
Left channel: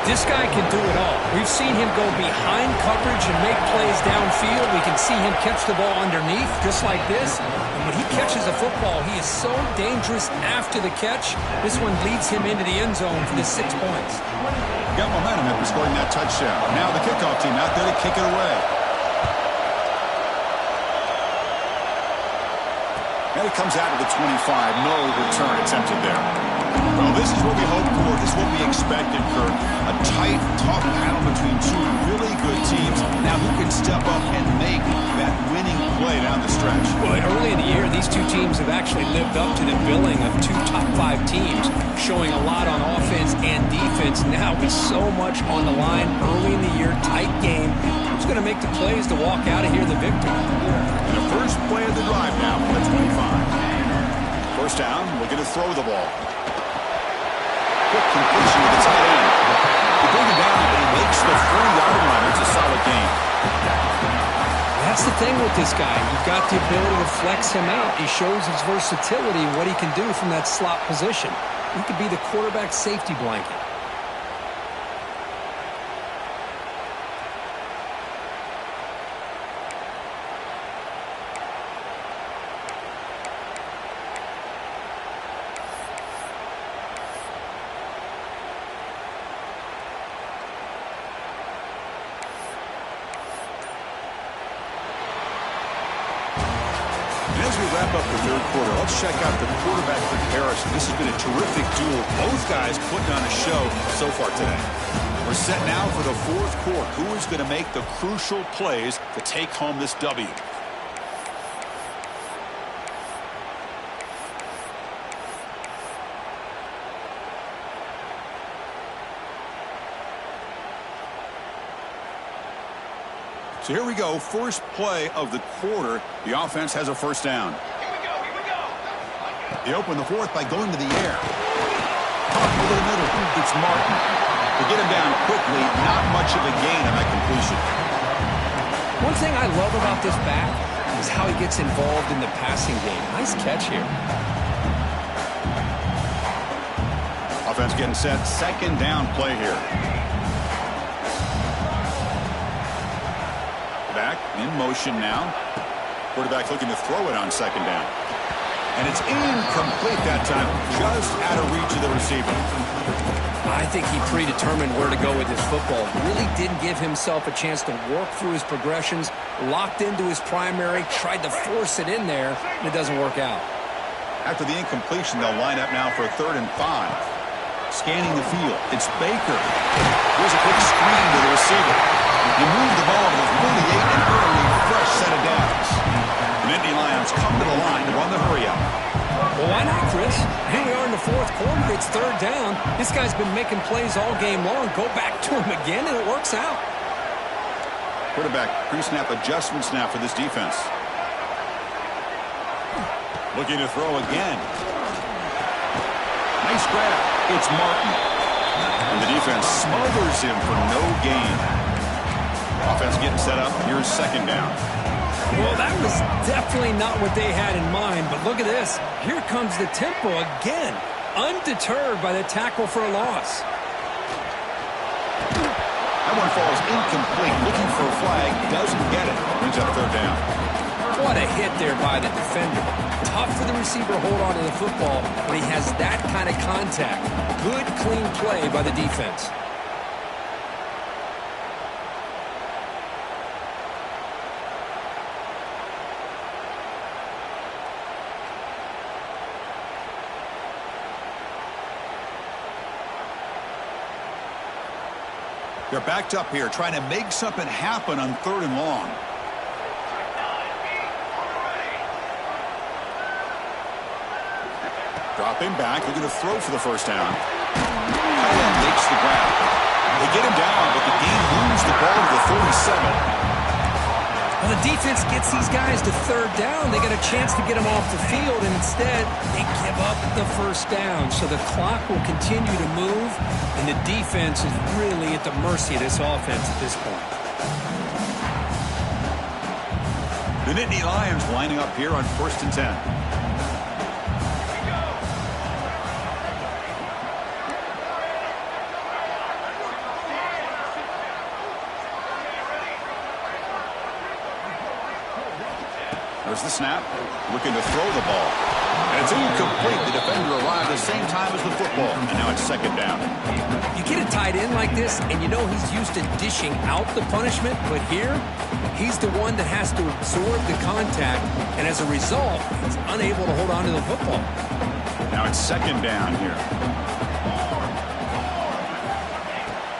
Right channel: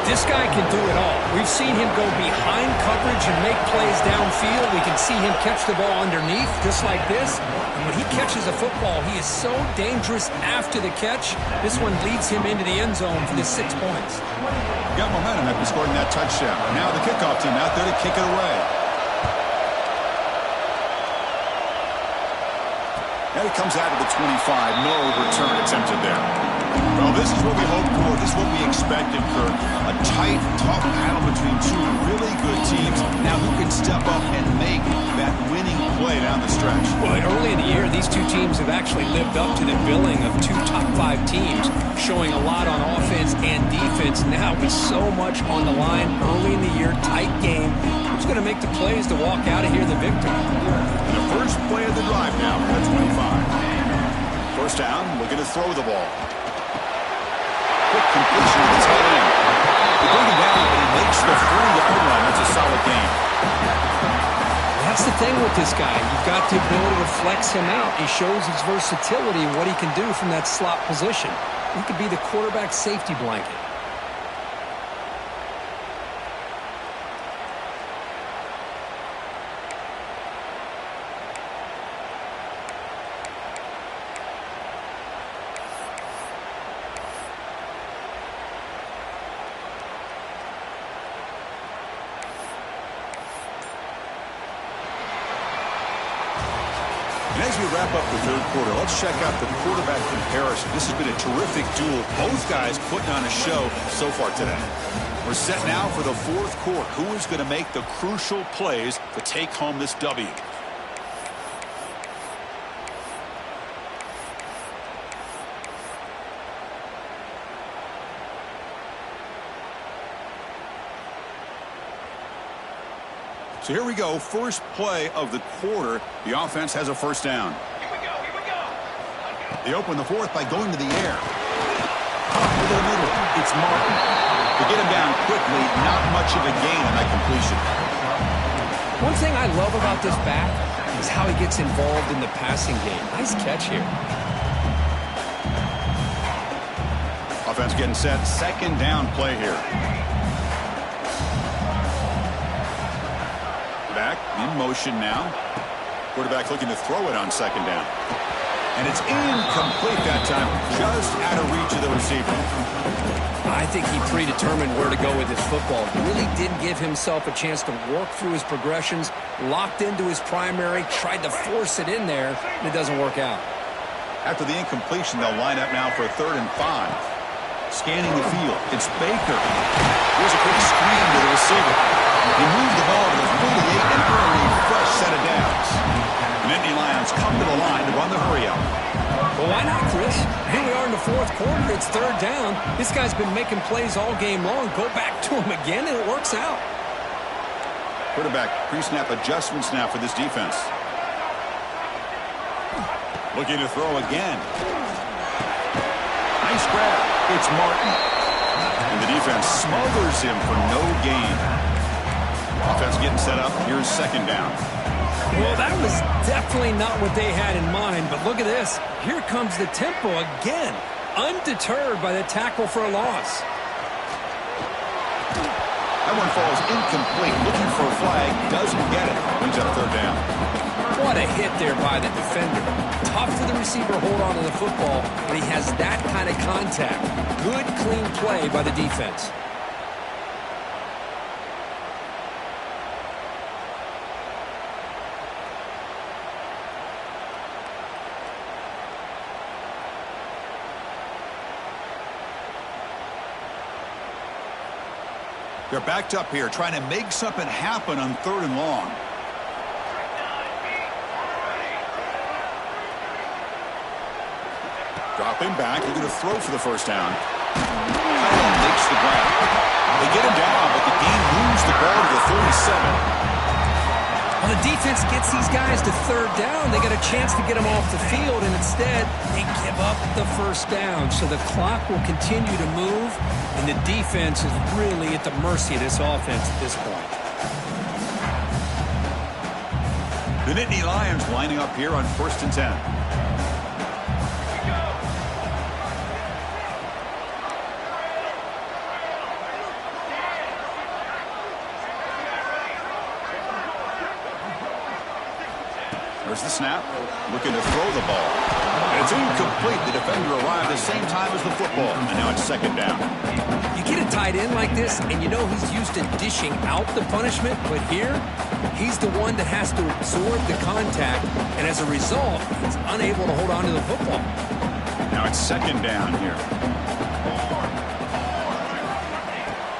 This guy can do it all. We've seen him go behind coverage and make plays downfield. We can see him catch the ball underneath, just like this. And when he catches a football, he is so dangerous after the catch. This one leads him into the end zone for the 6 points. Got momentum after scoring that touchdown. Now the kickoff team out there to kick it away. And it comes out to the 25. No return attempted there. Well, this is what we hoped for. This is what we expected, Kirk. A tight, tough battle between two really good teams. Now, who can step up and make that winning play down the stretch? Well, early in the year, these two teams have actually lived up to the billing of two top 5 teams, showing a lot on offense and defense. Now, with so much on the line early in the year, tight game, who's going to make the plays to walk out of here the victor? And the first play of the drive now from the 25. First down, looking to throw the ball. Quick completion to the tight end. They bring him down, but he makes the 40-yard line. That's a solid game. That's the thing with this guy. You've got the ability to flex him out. He shows his versatility and what he can do from that slot position. He could be the quarterback safety blanket. And as we wrap up the third quarter, let's check out the quarterback comparison. This has been a terrific duel. Both guys putting on a show so far today. We're set now for the fourth quarter. Who is going to make the crucial plays to take home this W? So here we go, first play of the quarter. The offense has a first down. Here we go. They open the fourth by going to the air. Pop into the middle. It's Martin. To get him down quickly, not much of a gain on that completion. One thing I love about this back is how he gets involved in the passing game. Nice catch here. Offense getting set. Second down play here. Back in motion now. Quarterback looking to throw it on second down. And it's incomplete that time, just out of reach of the receiver. I think he predetermined where to go with his football. Really didn't give himself a chance to work through his progressions, locked into his primary, tried to force it in there, and it doesn't work out. After the incompletion, they'll line up now for a 3rd and 5. Scanning the field. It's Baker. Here's a quick screen to the receiver. He moved the ball to the 48 and earned a fresh set of downs. The Nittany Lions come to the line to run the hurry out. Well, why not, Chris? Here we are in the fourth quarter. It's 3rd down. This guy's been making plays all game long. Go back to him again, and it works out. Quarterback pre-snap adjustments now for this defense. Looking to throw again. Nice grab. It's Martin. And the defense smothers him for no gain. Offense getting set up. Here's second down. Well, that was definitely not what they had in mind, but look at this. Here comes the tempo again, undeterred by the tackle for a loss. That one falls incomplete. Looking for a flag. Doesn't get it. Brings up 3rd down. What a hit there by the defender. Tough for the receiver to hold on to the football when he has that kind of contact. Good, clean play by the defense. They're backed up here, trying to make something happen on 3rd and long. Dropping back, they're going to throw for the first down. Tight end makes the grab. They get him down, but the game moves the ball to the 37. Well, the defense gets these guys to 3rd down. They get a chance to get them off the field, and instead they give up the first down. So the clock will continue to move, and the defense is really at the mercy of this offense at this point. The Nittany Lions lining up here on 1st and 10. There's the snap. Looking to throw the ball. And it's incomplete. The defender arrived the same time as the football. And now it's second down. You get a tight end like this, and you know he's used to dishing out the punishment, but here, he's the one that has to absorb the contact, and as a result, he's unable to hold on to the football. Now it's second down here.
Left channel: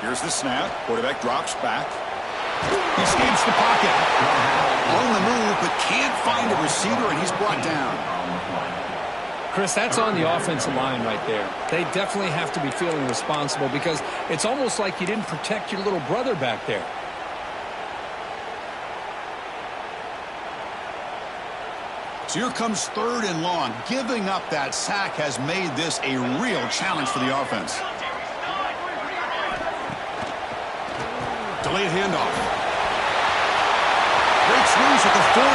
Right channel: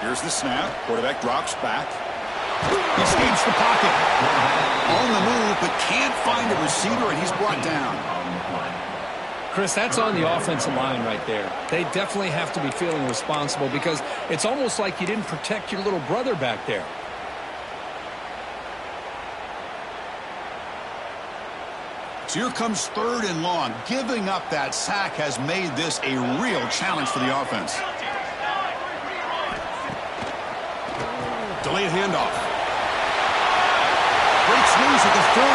Here's the snap. Quarterback drops back. He escapes the pocket. On the move, but can't find a receiver, and he's brought down. Chris, that's on the offensive line right there. They definitely have to be feeling responsible because it's almost like you didn't protect your little brother back there. So here comes third and long. Giving up that sack has made this a real challenge for the offense. Delayed handoff. Breaks loose at the 40.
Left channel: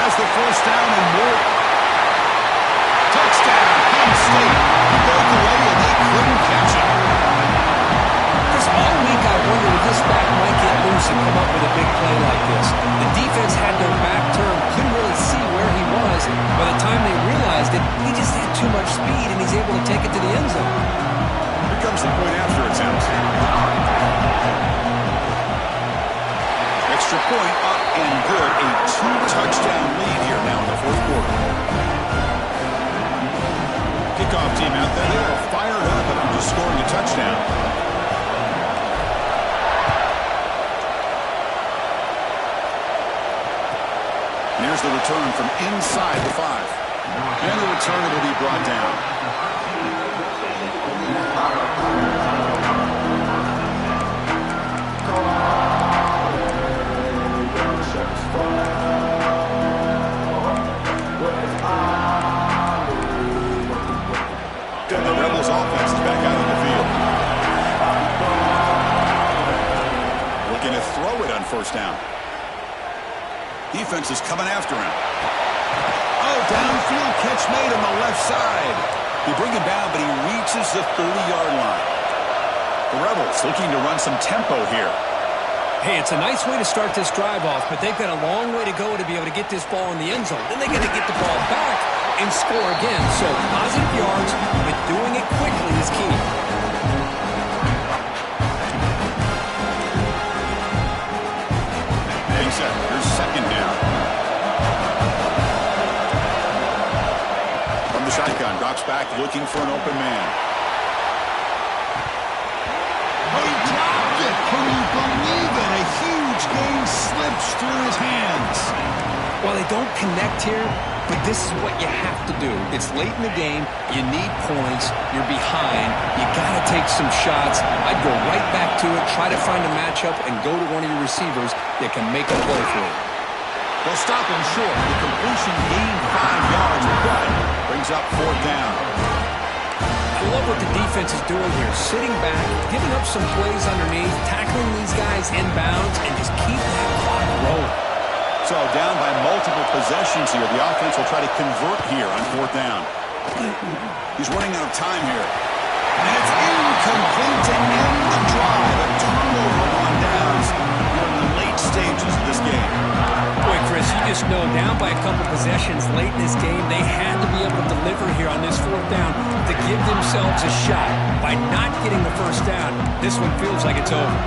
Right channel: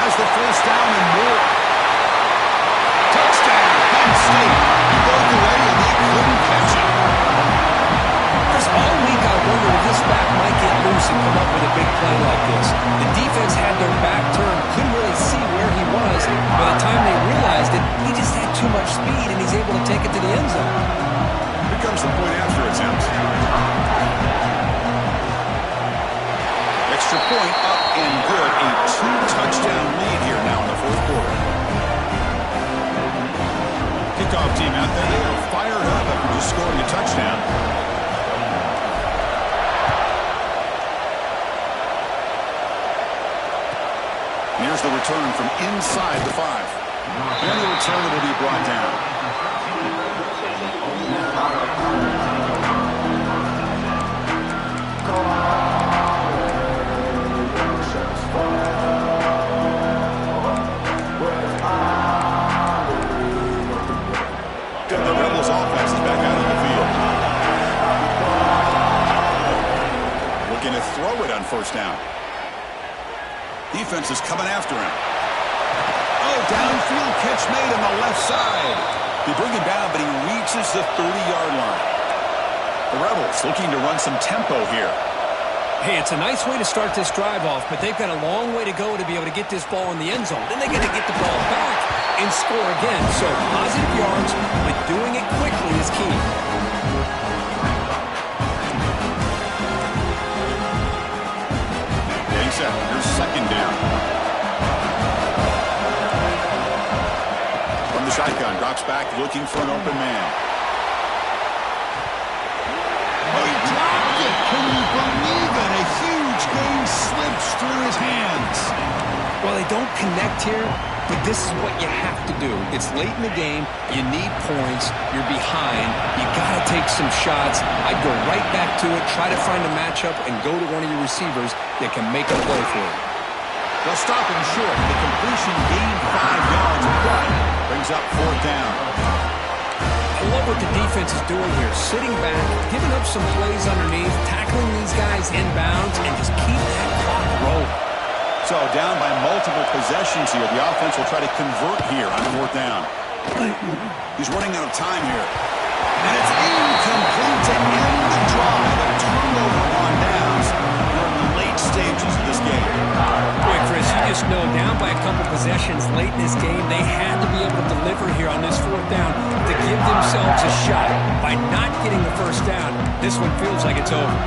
Has the first down and more. Touchdown, Penn State. He broke away and they couldn't catch him. Chris, all week I wondered if this back might get loose and come up with a big play like this. The defense had their back turned, couldn't really see where he was. By the time they realized it, he just had too much speed and he's able to take it to the end zone. Here comes the point after attempt. Extra point up and good. A 2-touchdown lead here now in the fourth quarter. Kickoff team out there. They are fired up after just scoring a touchdown. And here's the return from inside the 5. And the return will be brought down. And the Rebels offense is back out on the field. Looking to throw it on first down. Defense is coming after him. Oh, downfield catch made on the left side. They bring him down, but he reaches the 30-yard line. The Rebels looking to run some tempo here. Hey, it's a nice way to start this drive off, but they've got a long way to go to be able to get this ball in the end zone. Then they got to get the ball back and score again. So positive yards, but doing it quickly is key. Getting set. Here's second down. From the shotgun, drops back, looking for an open man. Oh, he dropped it. Can you believe it? A huge gain slips through his hands. Well, they don't connect here, but this is what you have to do. It's late in the game. You need points. You're behind. You got to take some shots. I'd go right back to it, try to find a matchup, and go to one of your receivers that can make a play for you. They'll stop him short. The completion gained 5 yards, but brings up fourth down. I love what the defense is doing here. Sitting back, giving up some plays underneath, tackling these guys inbounds, and just keep that clock rolling. So down by multiple possessions here. The offense will try to convert here on fourth down. He's running out of time here. And it's incomplete to end the drive. A turnover on downs. We're in the late stages of this game. Boy, Chris, you just know down by a couple possessions late in this game, they had to be able to deliver here on this fourth down to give themselves a shot. By not getting the first down, this one feels like it's over.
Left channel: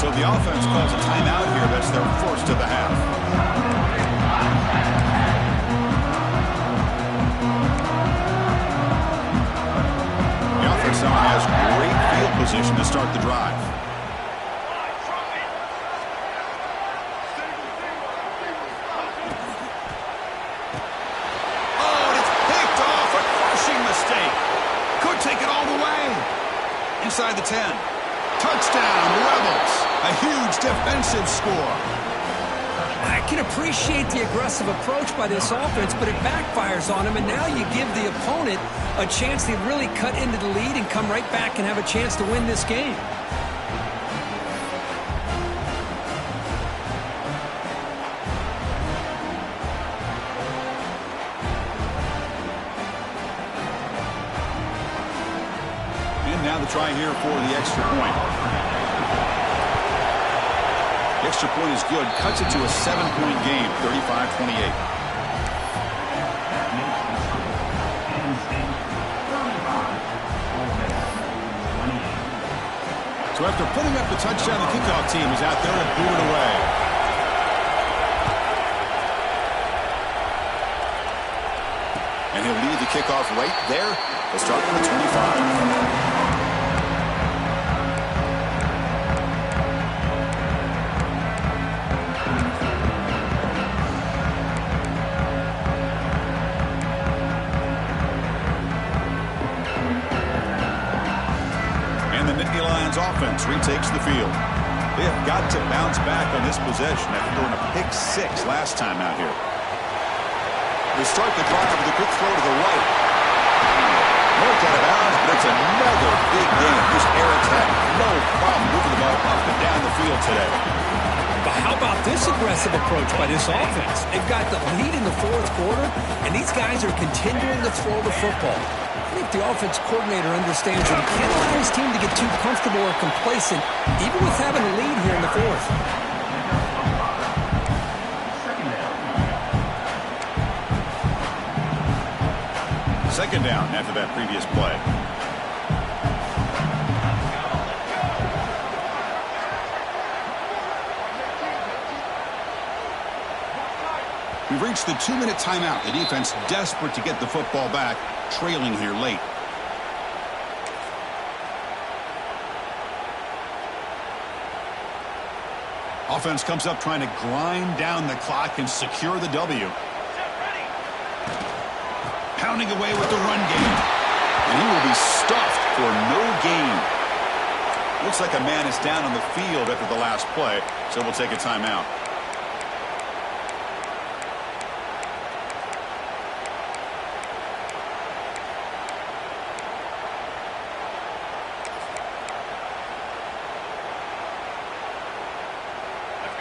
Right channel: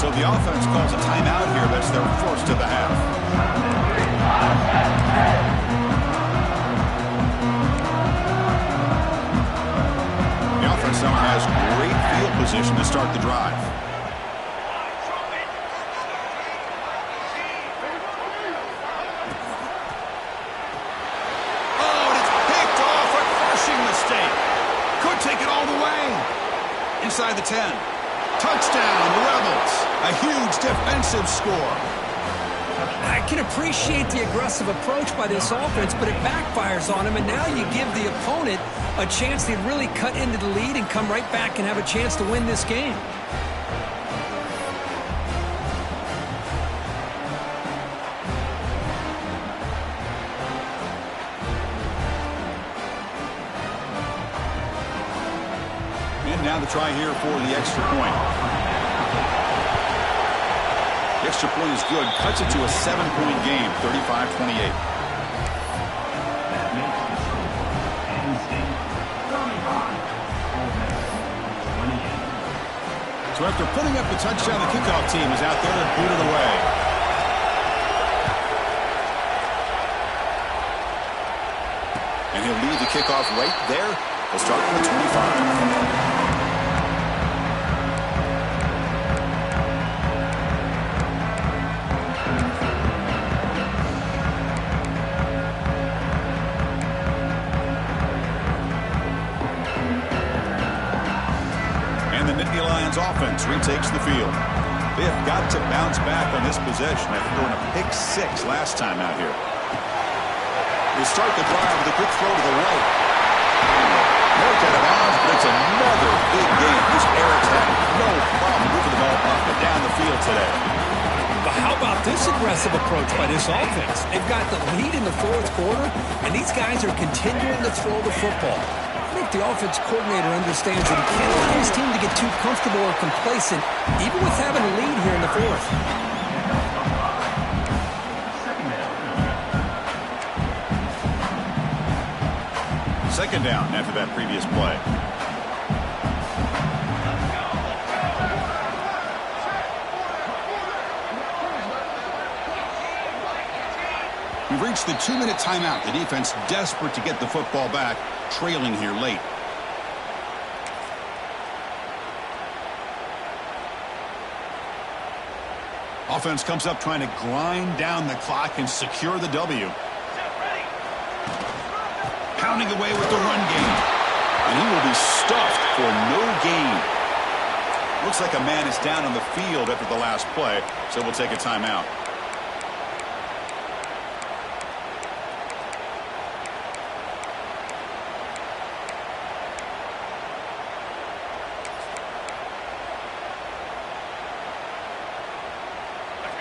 So the offense calls a timeout here. That's their first of the half. The offense now has great field position to start the drive. Oh, and it's picked off. A crushing mistake. Could take it all the way. Inside the 10. Touchdown, the Rebels. A huge defensive score. I can appreciate the aggressive approach by this offense, but it backfires on them, and now you give the opponent a chance to really cut into the lead and come right back and have a chance to win this game. And now the try here for the extra point. The extra point is good. Cuts it to a 7-point game, 35-28. That makes the score. Penn State 35. Ole Miss 28. So after putting up the touchdown, the kickoff team is out there to boot it away. And he'll lead the kickoff right there. He'll start from the 25. Offense retakes the field. They have got to bounce back on this possession after throwing a pick 6 last time out here. They start the drive with a quick throw to the right. Marked out of bounds, but it's another big game. This Eric's had no problem moving the ball up and down the field today. But how about this aggressive approach by this offense? They've got the lead in the fourth quarter, and these guys are continuing to throw the football. I think the offense coordinator understands that he can't allow his team to get too comfortable or complacent, even with having a lead here in the fourth. Second down after that previous play. We've reached the 2-minute timeout. The defense desperate to get the football back, trailing here late. Offense comes up trying to grind down the clock and secure the W. Pounding away with the run game. And he will be stuffed for no gain. Looks like a man is down on the field after the last play, so we'll take a timeout.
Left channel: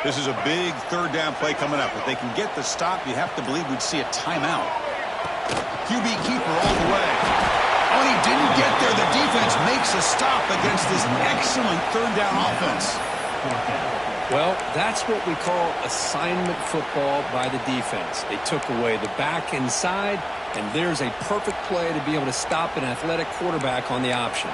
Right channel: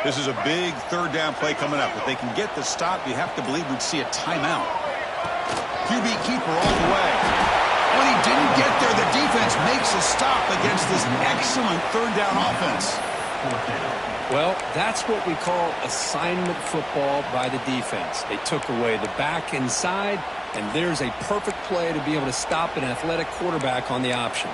This is a big third down play coming up. If they can get the stop, you have to believe we'd see a timeout. QB keeper all the way. Oh, and he didn't get there. The defense makes a stop against this excellent third down offense. Well, that's what we call assignment football by the defense. They took away the back inside, and there's a perfect play to be able to stop an athletic quarterback on the option.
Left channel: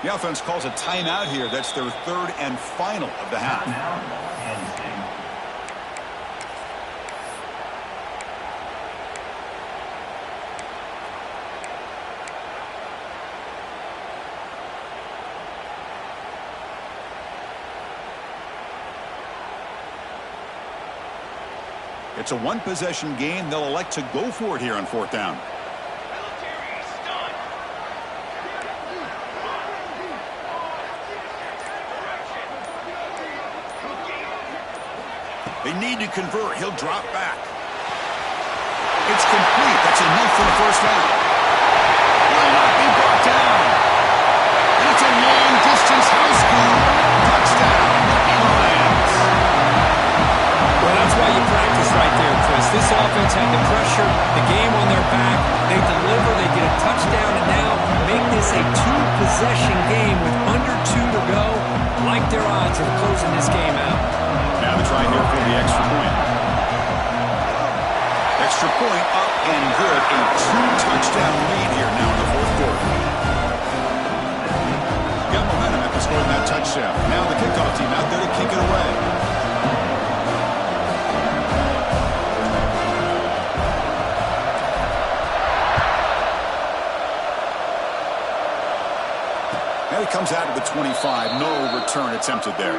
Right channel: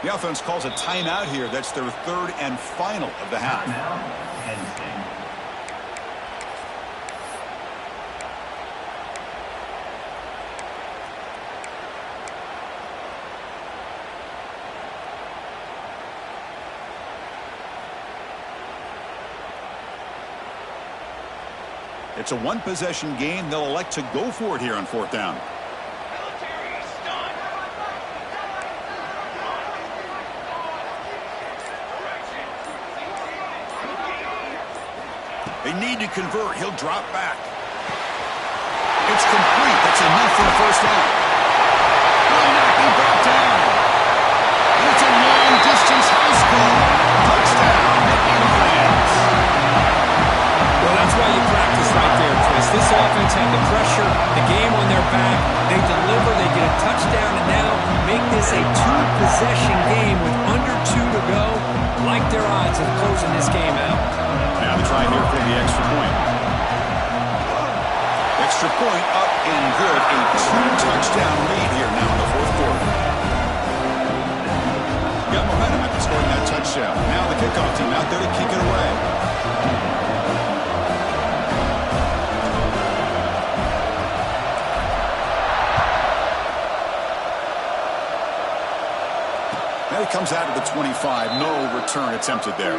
The offense calls a timeout here. That's their third and final of the half. Now, Penn State. It's a one-possession game. They'll elect to go for it here on fourth down. They need to convert. He'll drop back. It's complete. That's enough for a first down. Will not be brought down. And it's a long-distance house call. Touchdown, Nittany Lions. Well, that's why you practice right there, Chris. This offense had the pressure, the game on their back. They deliver, they get a touchdown, and now make this a two-possession game with under 2 to go. Like their odds of closing this game out. Now the try here for the extra point. Extra point up and good. A 2-touchdown lead here now in the fourth quarter. Got momentum after scoring that touchdown. Now the kickoff team out there to kick it away. Now he comes out of the 25. No return attempted there.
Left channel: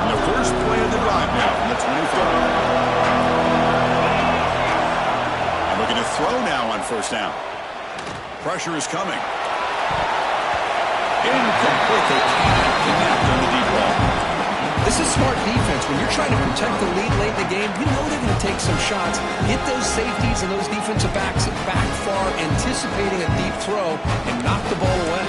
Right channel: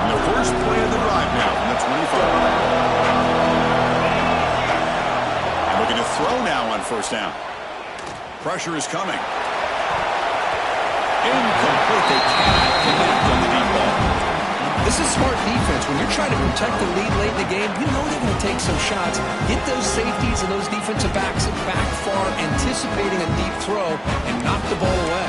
And the first play of the drive now from the 25. And looking to throw now on first down. Pressure is coming. Incomplete. They cannot connect on the deep ball. This This is smart defense. When you're trying to protect the lead late in the game, you know they're going to take some shots. Get those safeties and those defensive backs back far, anticipating a deep throw, and knock the ball away.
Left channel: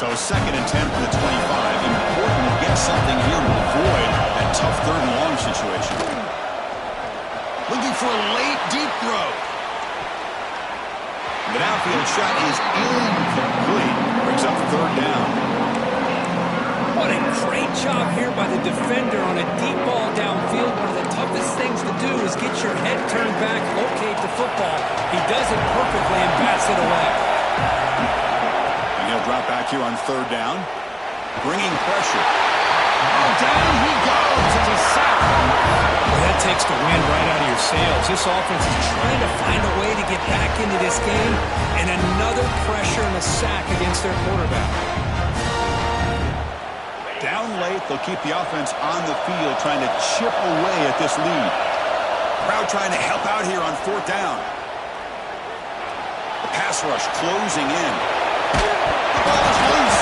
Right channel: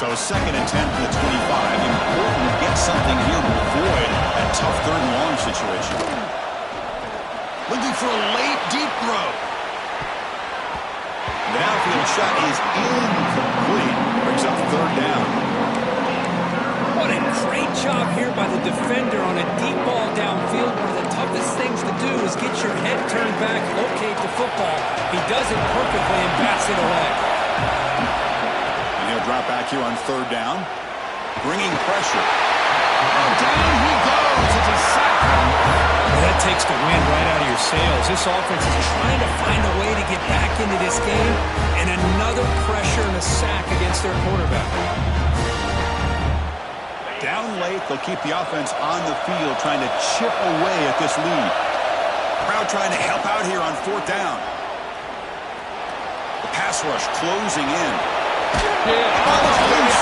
So 2nd and 10 from the 25. Important to get something here to avoid that tough 3rd and long situation. Looking for a late, deep throw. The downfield shot is incomplete. Brings up 3rd down. What a great job here by the defender on a deep ball downfield. One of the toughest things to do is get your head turned back, locate the football. He does it perfectly and bats it away. And he'll drop back here on 3rd down. Bringing pressure. Oh, down he goes. It's a sack. Well, that takes the wind right out of your sails. This offense is trying to find a way to get back into this game, and another pressure and a sack against their quarterback. Down late, they'll keep the offense on the field, trying to chip away at this lead. Crowd trying to help out here on 4th down. The pass rush closing in. The ball is loose.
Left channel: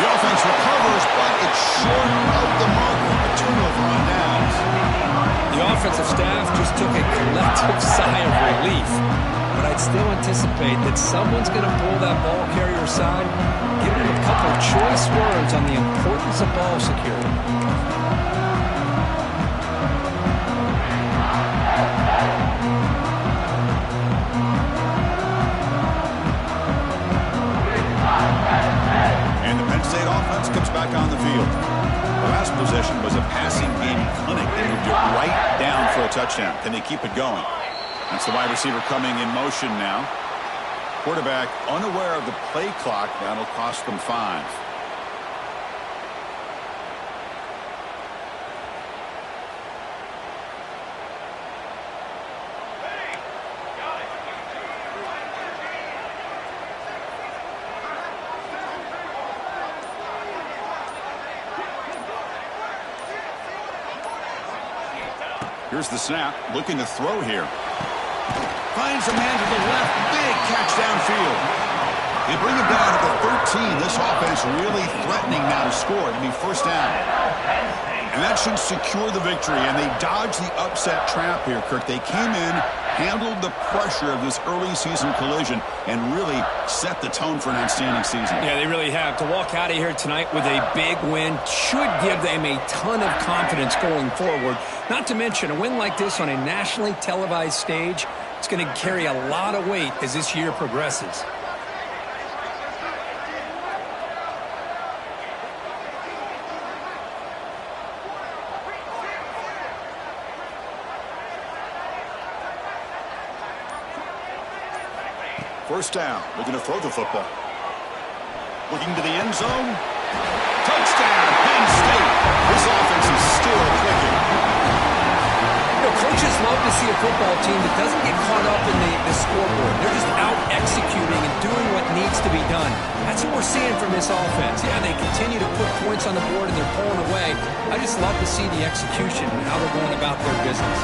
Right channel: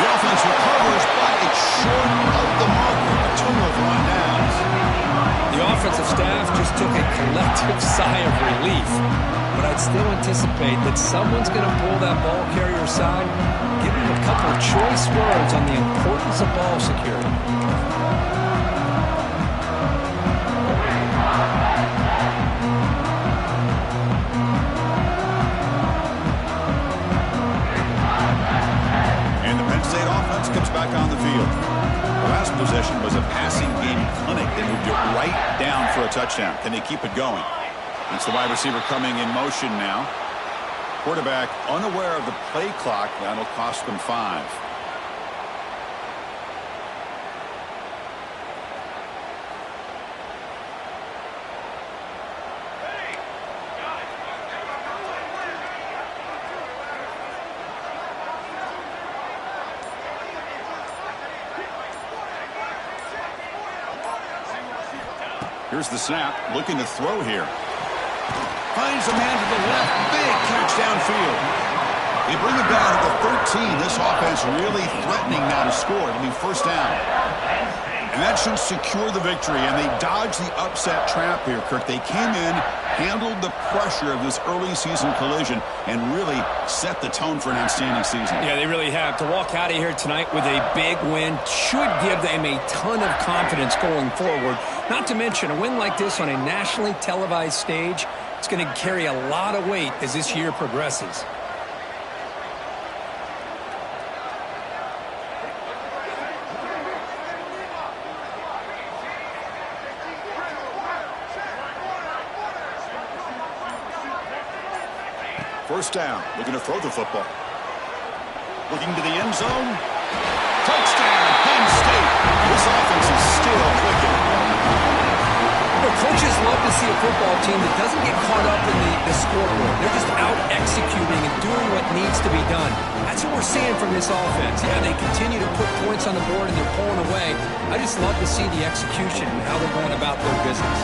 The offense recovers, but it's short of the marker. A turnover on downs. The offensive staff just took a collective sigh of relief. But I'd still anticipate that someone's going to pull that ball carrier aside, give him a couple of choice words on the importance of ball security. And the Penn State offense comes back on the field. The last possession was a passing game clinic. They moved it right down for a touchdown. Can they keep it going? That's the wide receiver coming in motion now. Quarterback unaware of the play clock. That'll cost them 5. Here's the snap. Looking to throw here. Finds a man to the left. Big catch downfield. They bring him down to the 13. This offense really threatening now to score. It'll be 1st down. And that should secure the victory. And they dodged the upset trap here, Kirk. They came in, handled the pressure of this early season collision, and really set the tone for an outstanding season. Yeah, they really have. To walk out of here tonight with a big win should give them a ton of confidence going forward. Not to mention, a win like this on a nationally televised stage, it's going to carry a lot of weight as this year progresses. First down, looking to throw the football. Looking to the end zone. Touchdown, Penn State. This offense is still clicking. You know, coaches love to see a football team that doesn't get caught up in the scoreboard. They're just out executing and doing what needs to be done. That's what we're seeing from this offense. Yeah, they continue to put points on the board and they're pulling away. I just love to see the execution and how they're going about their business.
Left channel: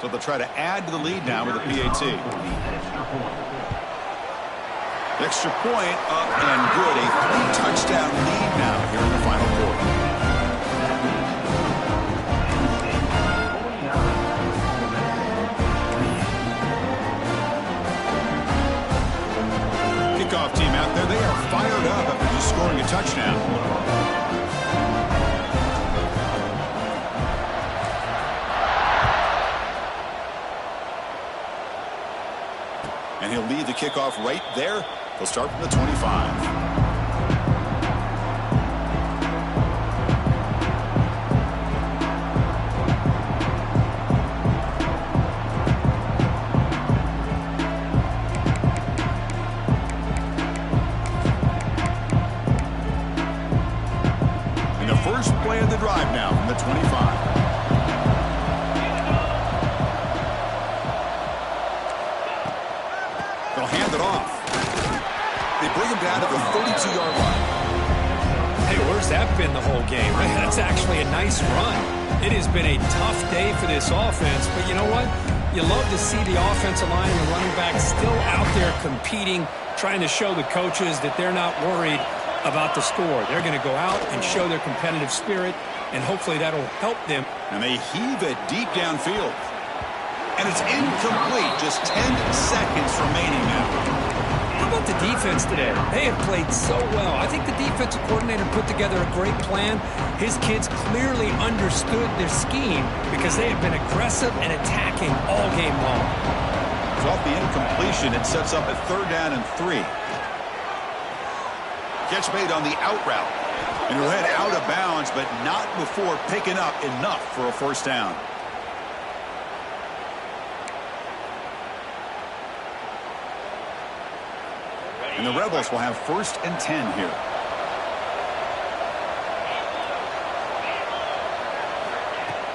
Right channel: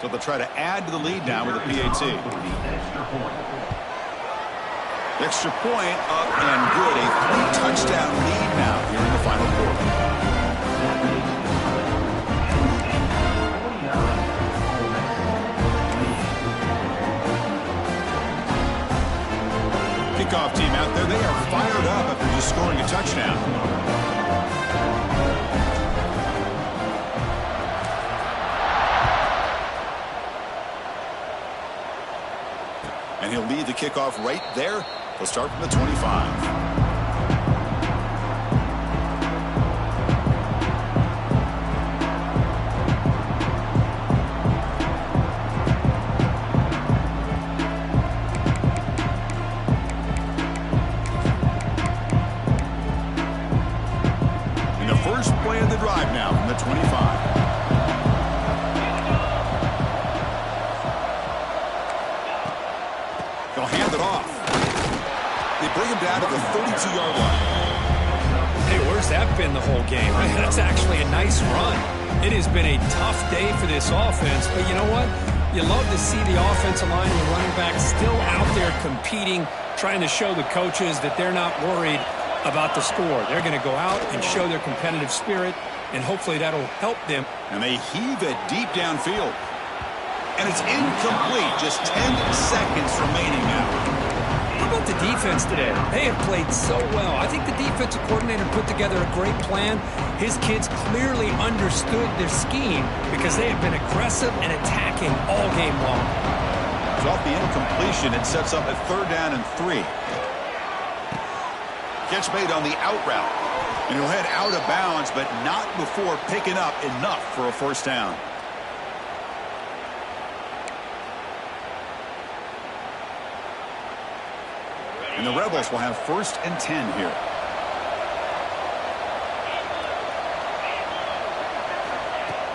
So they'll try to add to the lead now with a PAT. The extra point up and good. A 3-touchdown lead now here in the final quarter. Kickoff team out there. They are fired up after just scoring a touchdown. And he'll lead the kickoff right there. He'll start from the 25. And the first play of the drive now from the 25. They'll hand it off. They bring him down to the 32-yard line. Hey, where's has that been the whole game? That's actually a nice run. It has been a tough day for this offense, but you know what? You love to see the offensive line and the running back still out there competing, trying to show the coaches that they're not worried about the score. They're going to go out and show their competitive spirit, and hopefully that'll help them. And they heave it deep downfield. And it's incomplete. Just 10 seconds remaining now. How about the defense today? They have played so well. I think the defensive coordinator put together a great plan. His kids clearly understood their scheme because they have been aggressive and attacking all game long. It's off the incompletion. It sets up a 3rd down and 3. Catch made on the out route. And he'll head out of bounds, but not before picking up enough for a 1st down. And the Rebels will have 1st and 10 here.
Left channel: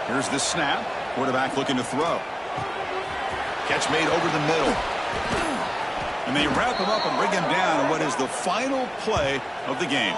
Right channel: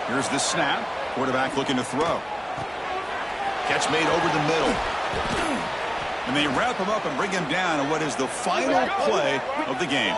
Here's the snap. Quarterback looking to throw. Catch made over the middle. And they wrap him up and bring him down on what is the final play of the game.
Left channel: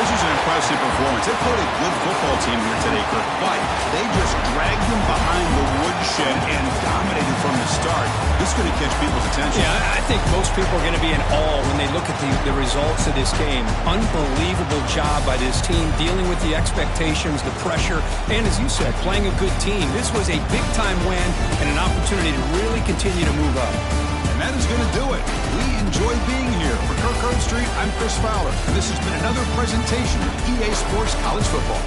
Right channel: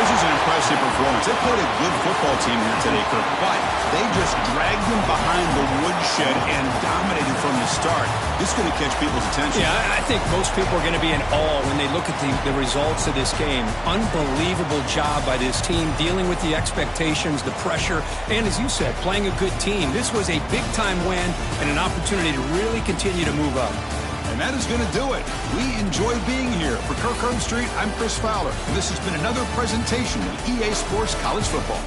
This is an impressive performance. They played a good football team here today, Kirk, but they just dragged them behind the woodshed and dominated from the start. This is going to catch people's attention. Yeah, I think most people are going to be in awe when they look at the results of this game. Unbelievable job by this team dealing with the expectations, the pressure, and as you said, playing a good team. This was a big-time win and an opportunity to really continue to move up. And that is going to do it. We enjoy being here. For Kirk Herbstreit, I'm Chris Fowler. And this has been another presentation of EA Sports College Football.